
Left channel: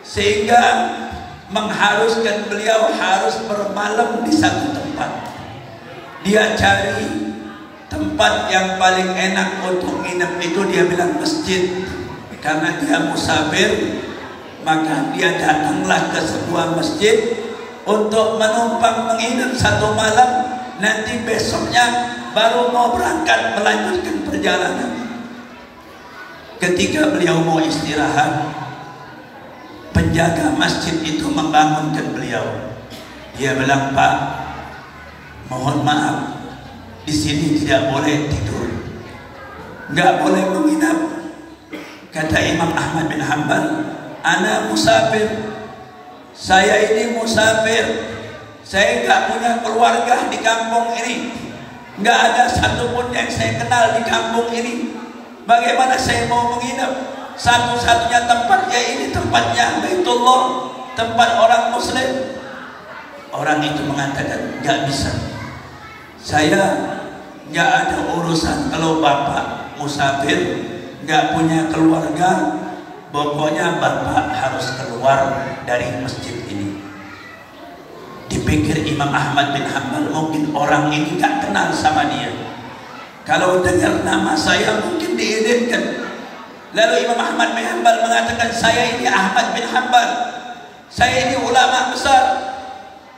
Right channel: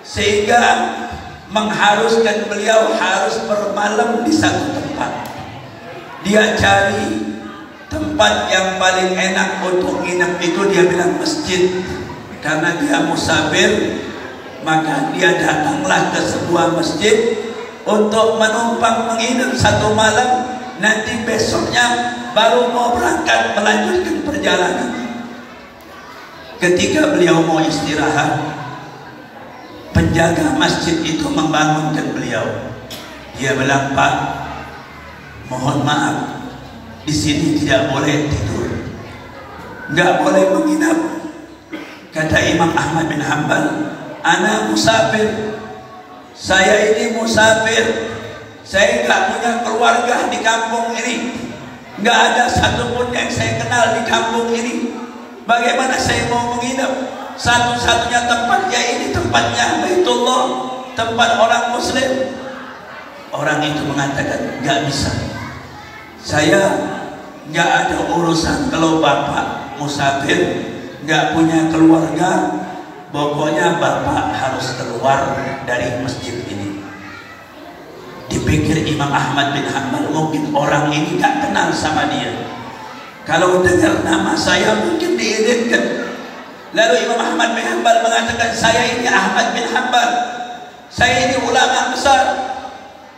sehingga mengharuskan beliau harus bermalam di satu tempat. Dia cari tempat yang paling enak untuk nginap, itu dia bilang masjid. Karena dia musafir, maka dia datanglah ke sebuah masjid untuk menumpang menginap satu malam. Nanti besoknya baru mau berangkat melanjutkan perjalanan. Ketika beliau mau istirahat, penjaga masjid itu membangunkan beliau. Dia bilang, Pak, mohon maaf, di sini tidak boleh tidur, nggak boleh menginap. Kata Imam Ahmad bin Hanbal, ana musafir, Saya ini musafir, saya nggak punya keluarga di kampung ini, nggak ada satupun yang saya kenal di kampung ini. Bagaimana saya mau menginap? Satu-satunya tempat ya ini tempatnya Baitullah, tempat orang Muslim. Orang itu mengatakan nggak bisa. Saya nggak ada urusan kalau bapak musafir, nggak punya keluarga. Pokoknya bapak harus keluar dari masjid ini. Dipikir Imam Ahmad bin Hanbal, mungkin orang ini gak kenal sama dia. Kalau dengar nama saya mungkin diizinkan. Lalu Imam Ahmad bin Hanbal mengatakan, saya ini Ahmad bin Hanbal, saya ini ulama besar.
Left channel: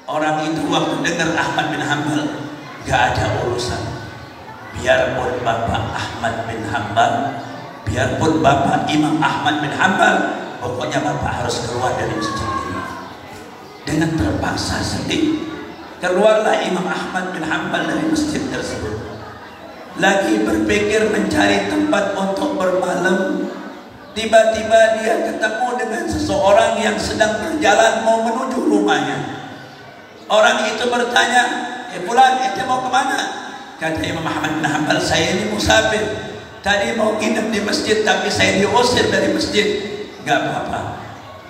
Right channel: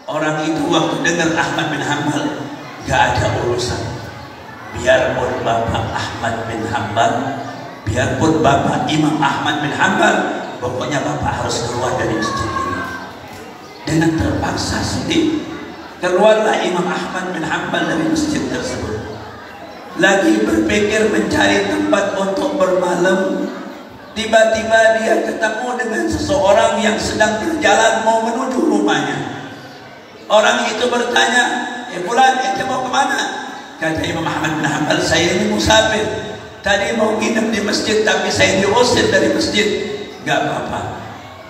Orang itu waktu dengar Ahmad bin Hanbal, gak ada urusan. Biarpun bapak Ahmad bin Hanbal, biarpun bapak Imam Ahmad bin Hanbal, pokoknya bapak harus keluar dari masjid ini. Dengan terpaksa sedih, keluarlah Imam Ahmad bin Hanbal dari masjid tersebut. Lagi berpikir mencari tempat untuk bermalam, tiba-tiba dia ketemu dengan seseorang yang sedang berjalan mau menuju rumahnya. Orang itu bertanya, "Fulan, ente mau kemana?" Kata Imam Ahmad bin Hanbal, "Saya ini musafir. Tadi mau nginep di masjid tapi saya diusir dari masjid." "Gak apa-apa,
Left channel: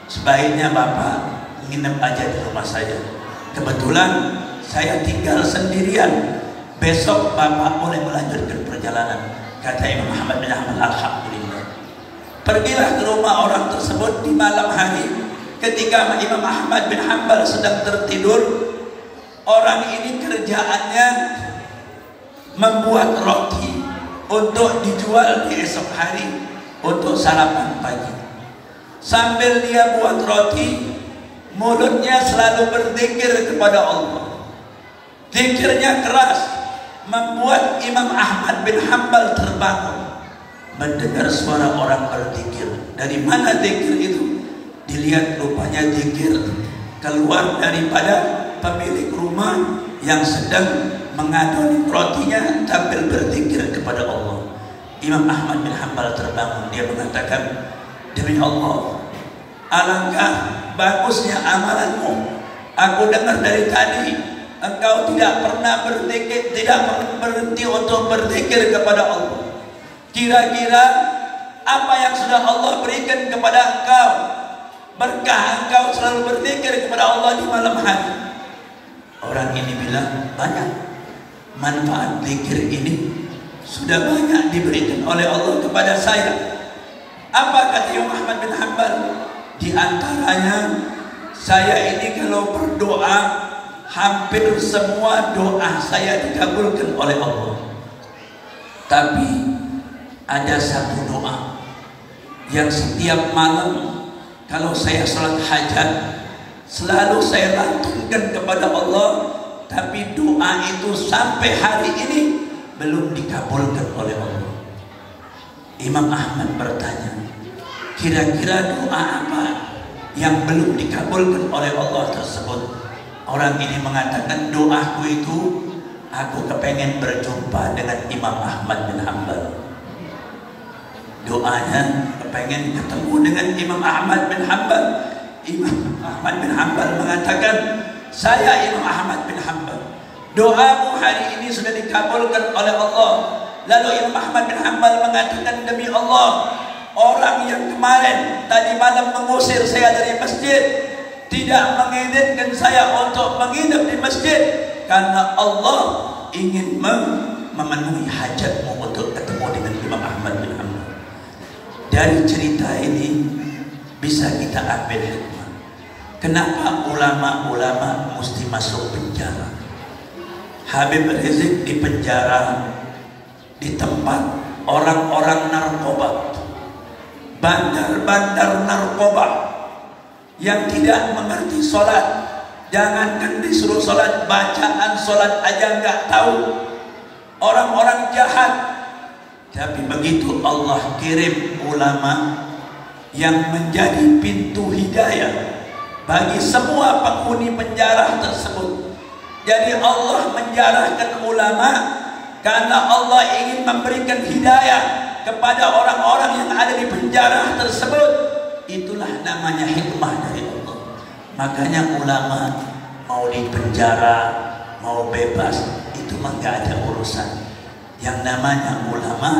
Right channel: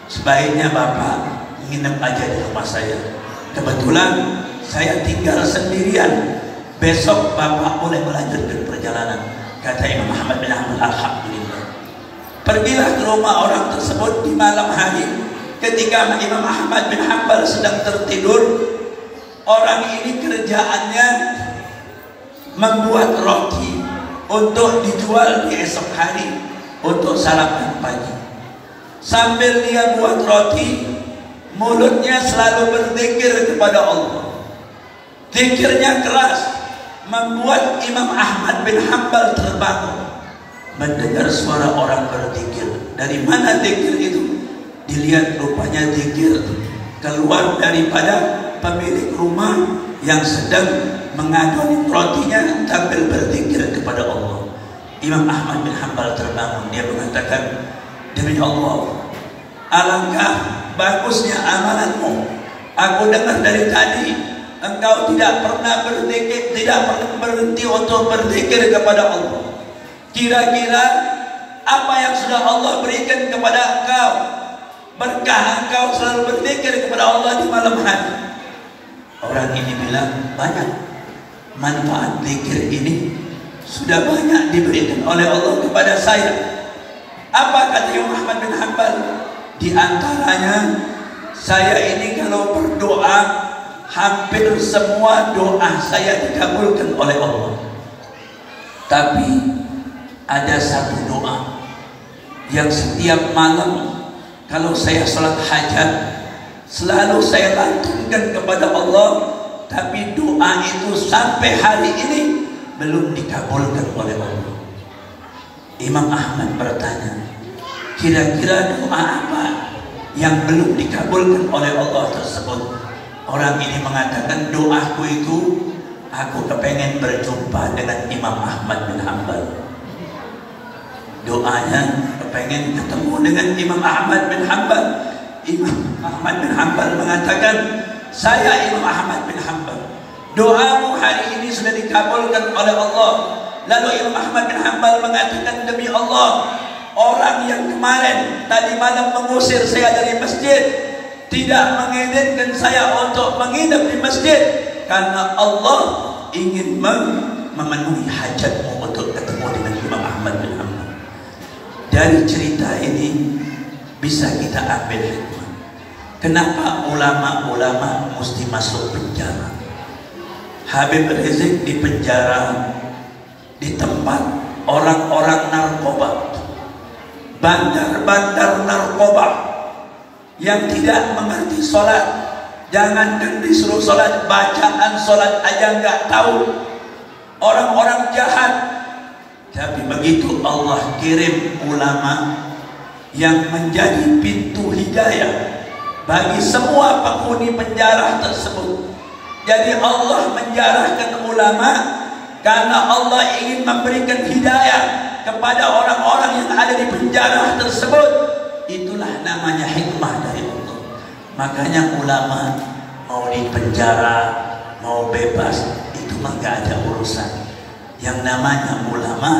sebaiknya bapak nginep aja di rumah saya. Kebetulan saya tinggal sendirian. Besok bapak boleh melanjutkan perjalanan." Kata Imam Ahmad bin Hanbal, "Alhamdulillah." Pergilah ke rumah orang tersebut di malam hari. Ketika Imam Ahmad bin Hanbal sedang tertidur, orang ini kerjaannya membuat roti untuk dijual di esok hari untuk sarapan pagi. Sambil dia buat roti, mulutnya selalu berzikir kepada Allah. Zikirnya keras, membuat Imam Ahmad bin Hanbal terbangun. Mendengar suara orang berzikir. Dari mana zikir itu? Dilihat rupanya zikir keluar daripada pemilik rumah yang sedang mengaduk rotinya sambil berzikir kepada Allah. Imam Ahmad bin Hanbal terbangun. Dia mengatakan, "Demi Allah, alangkah bagusnya amalanmu. Aku dengar dari tadi engkau tidak pernah berzikir, tidak pernah berhenti untuk berzikir kepada Allah. Kira-kira apa yang sudah Allah berikan kepada engkau? Berkah engkau selalu berzikir kepada Allah di malam hari." Orang ini bilang, "Banyak. Manfaat zikir ini sudah banyak diberikan oleh Allah kepada saya." Apa kata Imam Ahmad bin Hanbal? "Di antaranya, saya ini kalau berdoa, hampir semua doa saya dikabulkan oleh Allah. Tapi ada satu doa yang setiap malam kalau saya salat hajat, selalu saya lantunkan kepada Allah, tapi doa itu sampai hari ini belum dikabulkan oleh Allah." Imam Ahmad bertanya, kira-kira doa apa yang belum dikabulkan oleh Allah tersebut? Orang ini mengatakan, "Doaku itu, aku kepengen berjumpa dengan Imam Ahmad bin Hanbal." Doanya kepengen ketemu dengan Imam Ahmad bin Hanbal. Imam Ahmad bin Hanbal mengatakan, "Saya Imam Ahmad bin Hanbal, doamu hari ini sudah dikabulkan oleh Allah." Lalu Imam Ahmad bin Hanbal mengatakan, "Demi Allah, orang yang kemarin tadi malam mengusir saya dari masjid tidak mengizinkan saya untuk menginap di masjid karena Allah ingin memenuhi hajatmu untuk ketemu dengan Imam Ahmad bin Hanbal." Dari cerita ini bisa kita ambil hikmah. Kenapa ulama-ulama mesti masuk penjara? Habib Rizik di penjara di tempat orang-orang narkoba, bandar-bandar narkoba yang tidak mengerti sholat. Jangankan disuruh sholat, bacaan sholat aja nggak tahu. Orang-orang jahat. Tapi begitu Allah kirim ulama yang menjadi pintu hidayah bagi semua penghuni penjara tersebut. Jadi Allah menjarahkan ulama karena Allah ingin memberikan hidayah kepada orang-orang yang ada di penjara tersebut. Itulah namanya hikmah dari Allah. Makanya ulama mau di penjara, mau bebas, itu mah gak ada urusan. Yang namanya ulama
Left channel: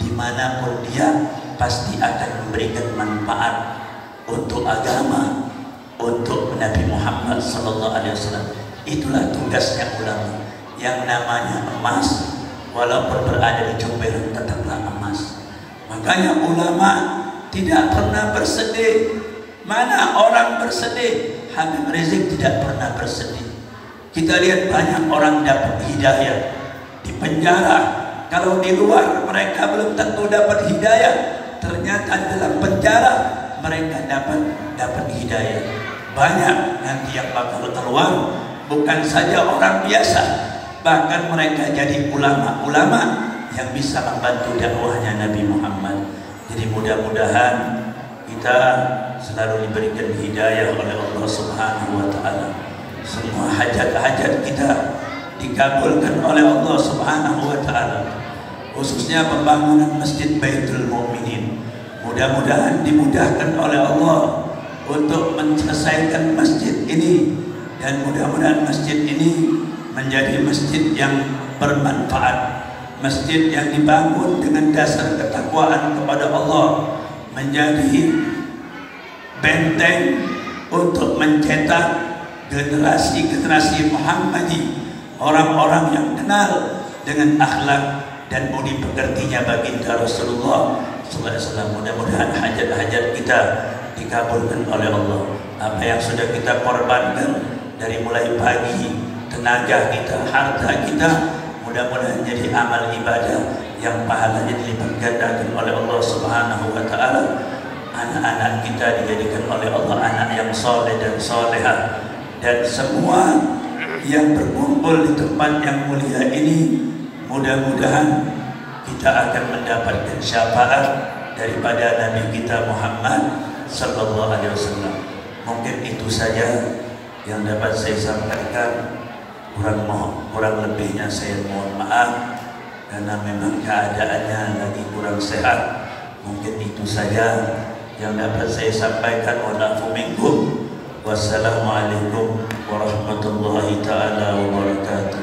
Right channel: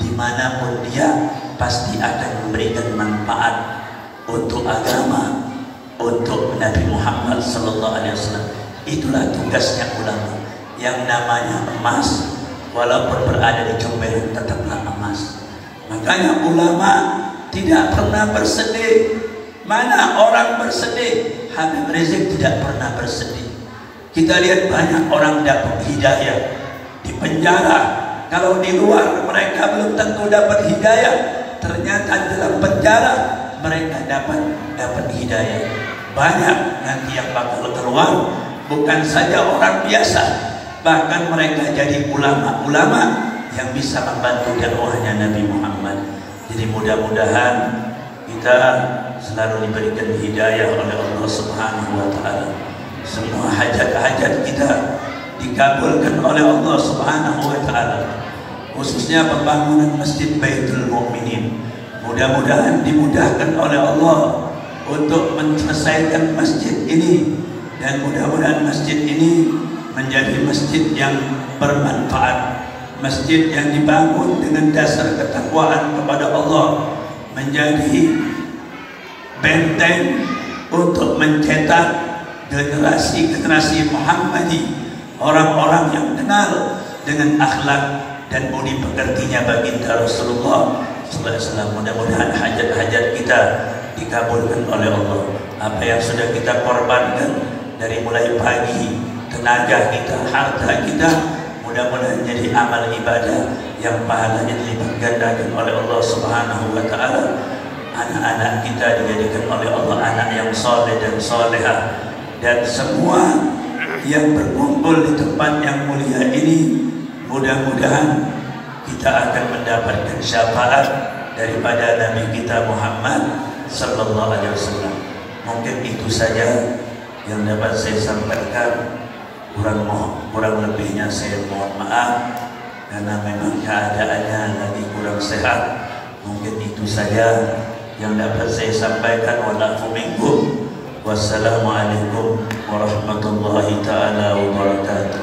dimanapun dia pasti akan memberikan manfaat untuk agama, untuk Nabi Muhammad SAW. Itulah tugasnya ulama. Yang namanya emas, walaupun berada di comberan tetaplah emas. Makanya ulama tidak pernah bersedih. Mana orang bersedih? Habib Rizik tidak pernah bersedih. Kita lihat banyak orang dapat hidayah di penjara. Kalau di luar mereka belum tentu dapat hidayah, ternyata dalam penjara mereka dapat hidayah. Banyak nanti yang bakal keluar bukan saja orang biasa, bahkan mereka jadi ulama-ulama yang bisa membantu dakwahnya Nabi Muhammad. Jadi mudah-mudahan kita selalu diberikan hidayah oleh Allah Subhanahu wa taala. Semua hajat-hajat kita dikabulkan oleh Allah Subhanahu wa taala. Khususnya pembangunan Masjid Baitul Mukminin. Mudah-mudahan dimudahkan oleh Allah untuk menyelesaikan masjid ini, dan mudah-mudahan masjid ini menjadi masjid yang bermanfaat, masjid yang dibangun dengan dasar ketakwaan kepada Allah, menjadi benteng untuk mencetak generasi-generasi Muhammadi, orang-orang yang kenal dengan akhlak dan budi pekertinya baginda Rasulullah SAW. Mudah-mudahan hajat-hajat kita dikabulkan oleh Allah. Apa yang sudah kita korbankan dari mulai pagi, tenaga kita, harta kita, mudah-mudahan jadi amal ibadah yang pahalanya dilipat gandakan oleh Allah Subhanahu wa taala. Anak-anak kita dijadikan oleh Allah anak yang soleh dan soleha, dan semua yang berkumpul di tempat yang mulia ini mudah-mudahan kita akan mendapatkan syafaat daripada Nabi kita Muhammad sallallahu alaihi wasallam. Mungkin itu saja yang dapat saya sampaikan. Kurang lebihnya saya mohon maaf karena memang keadaannya lagi kurang sehat. Mungkin itu saja yang dapat saya sampaikan. Wassalamualaikum warahmatullahi taala wabarakatuh.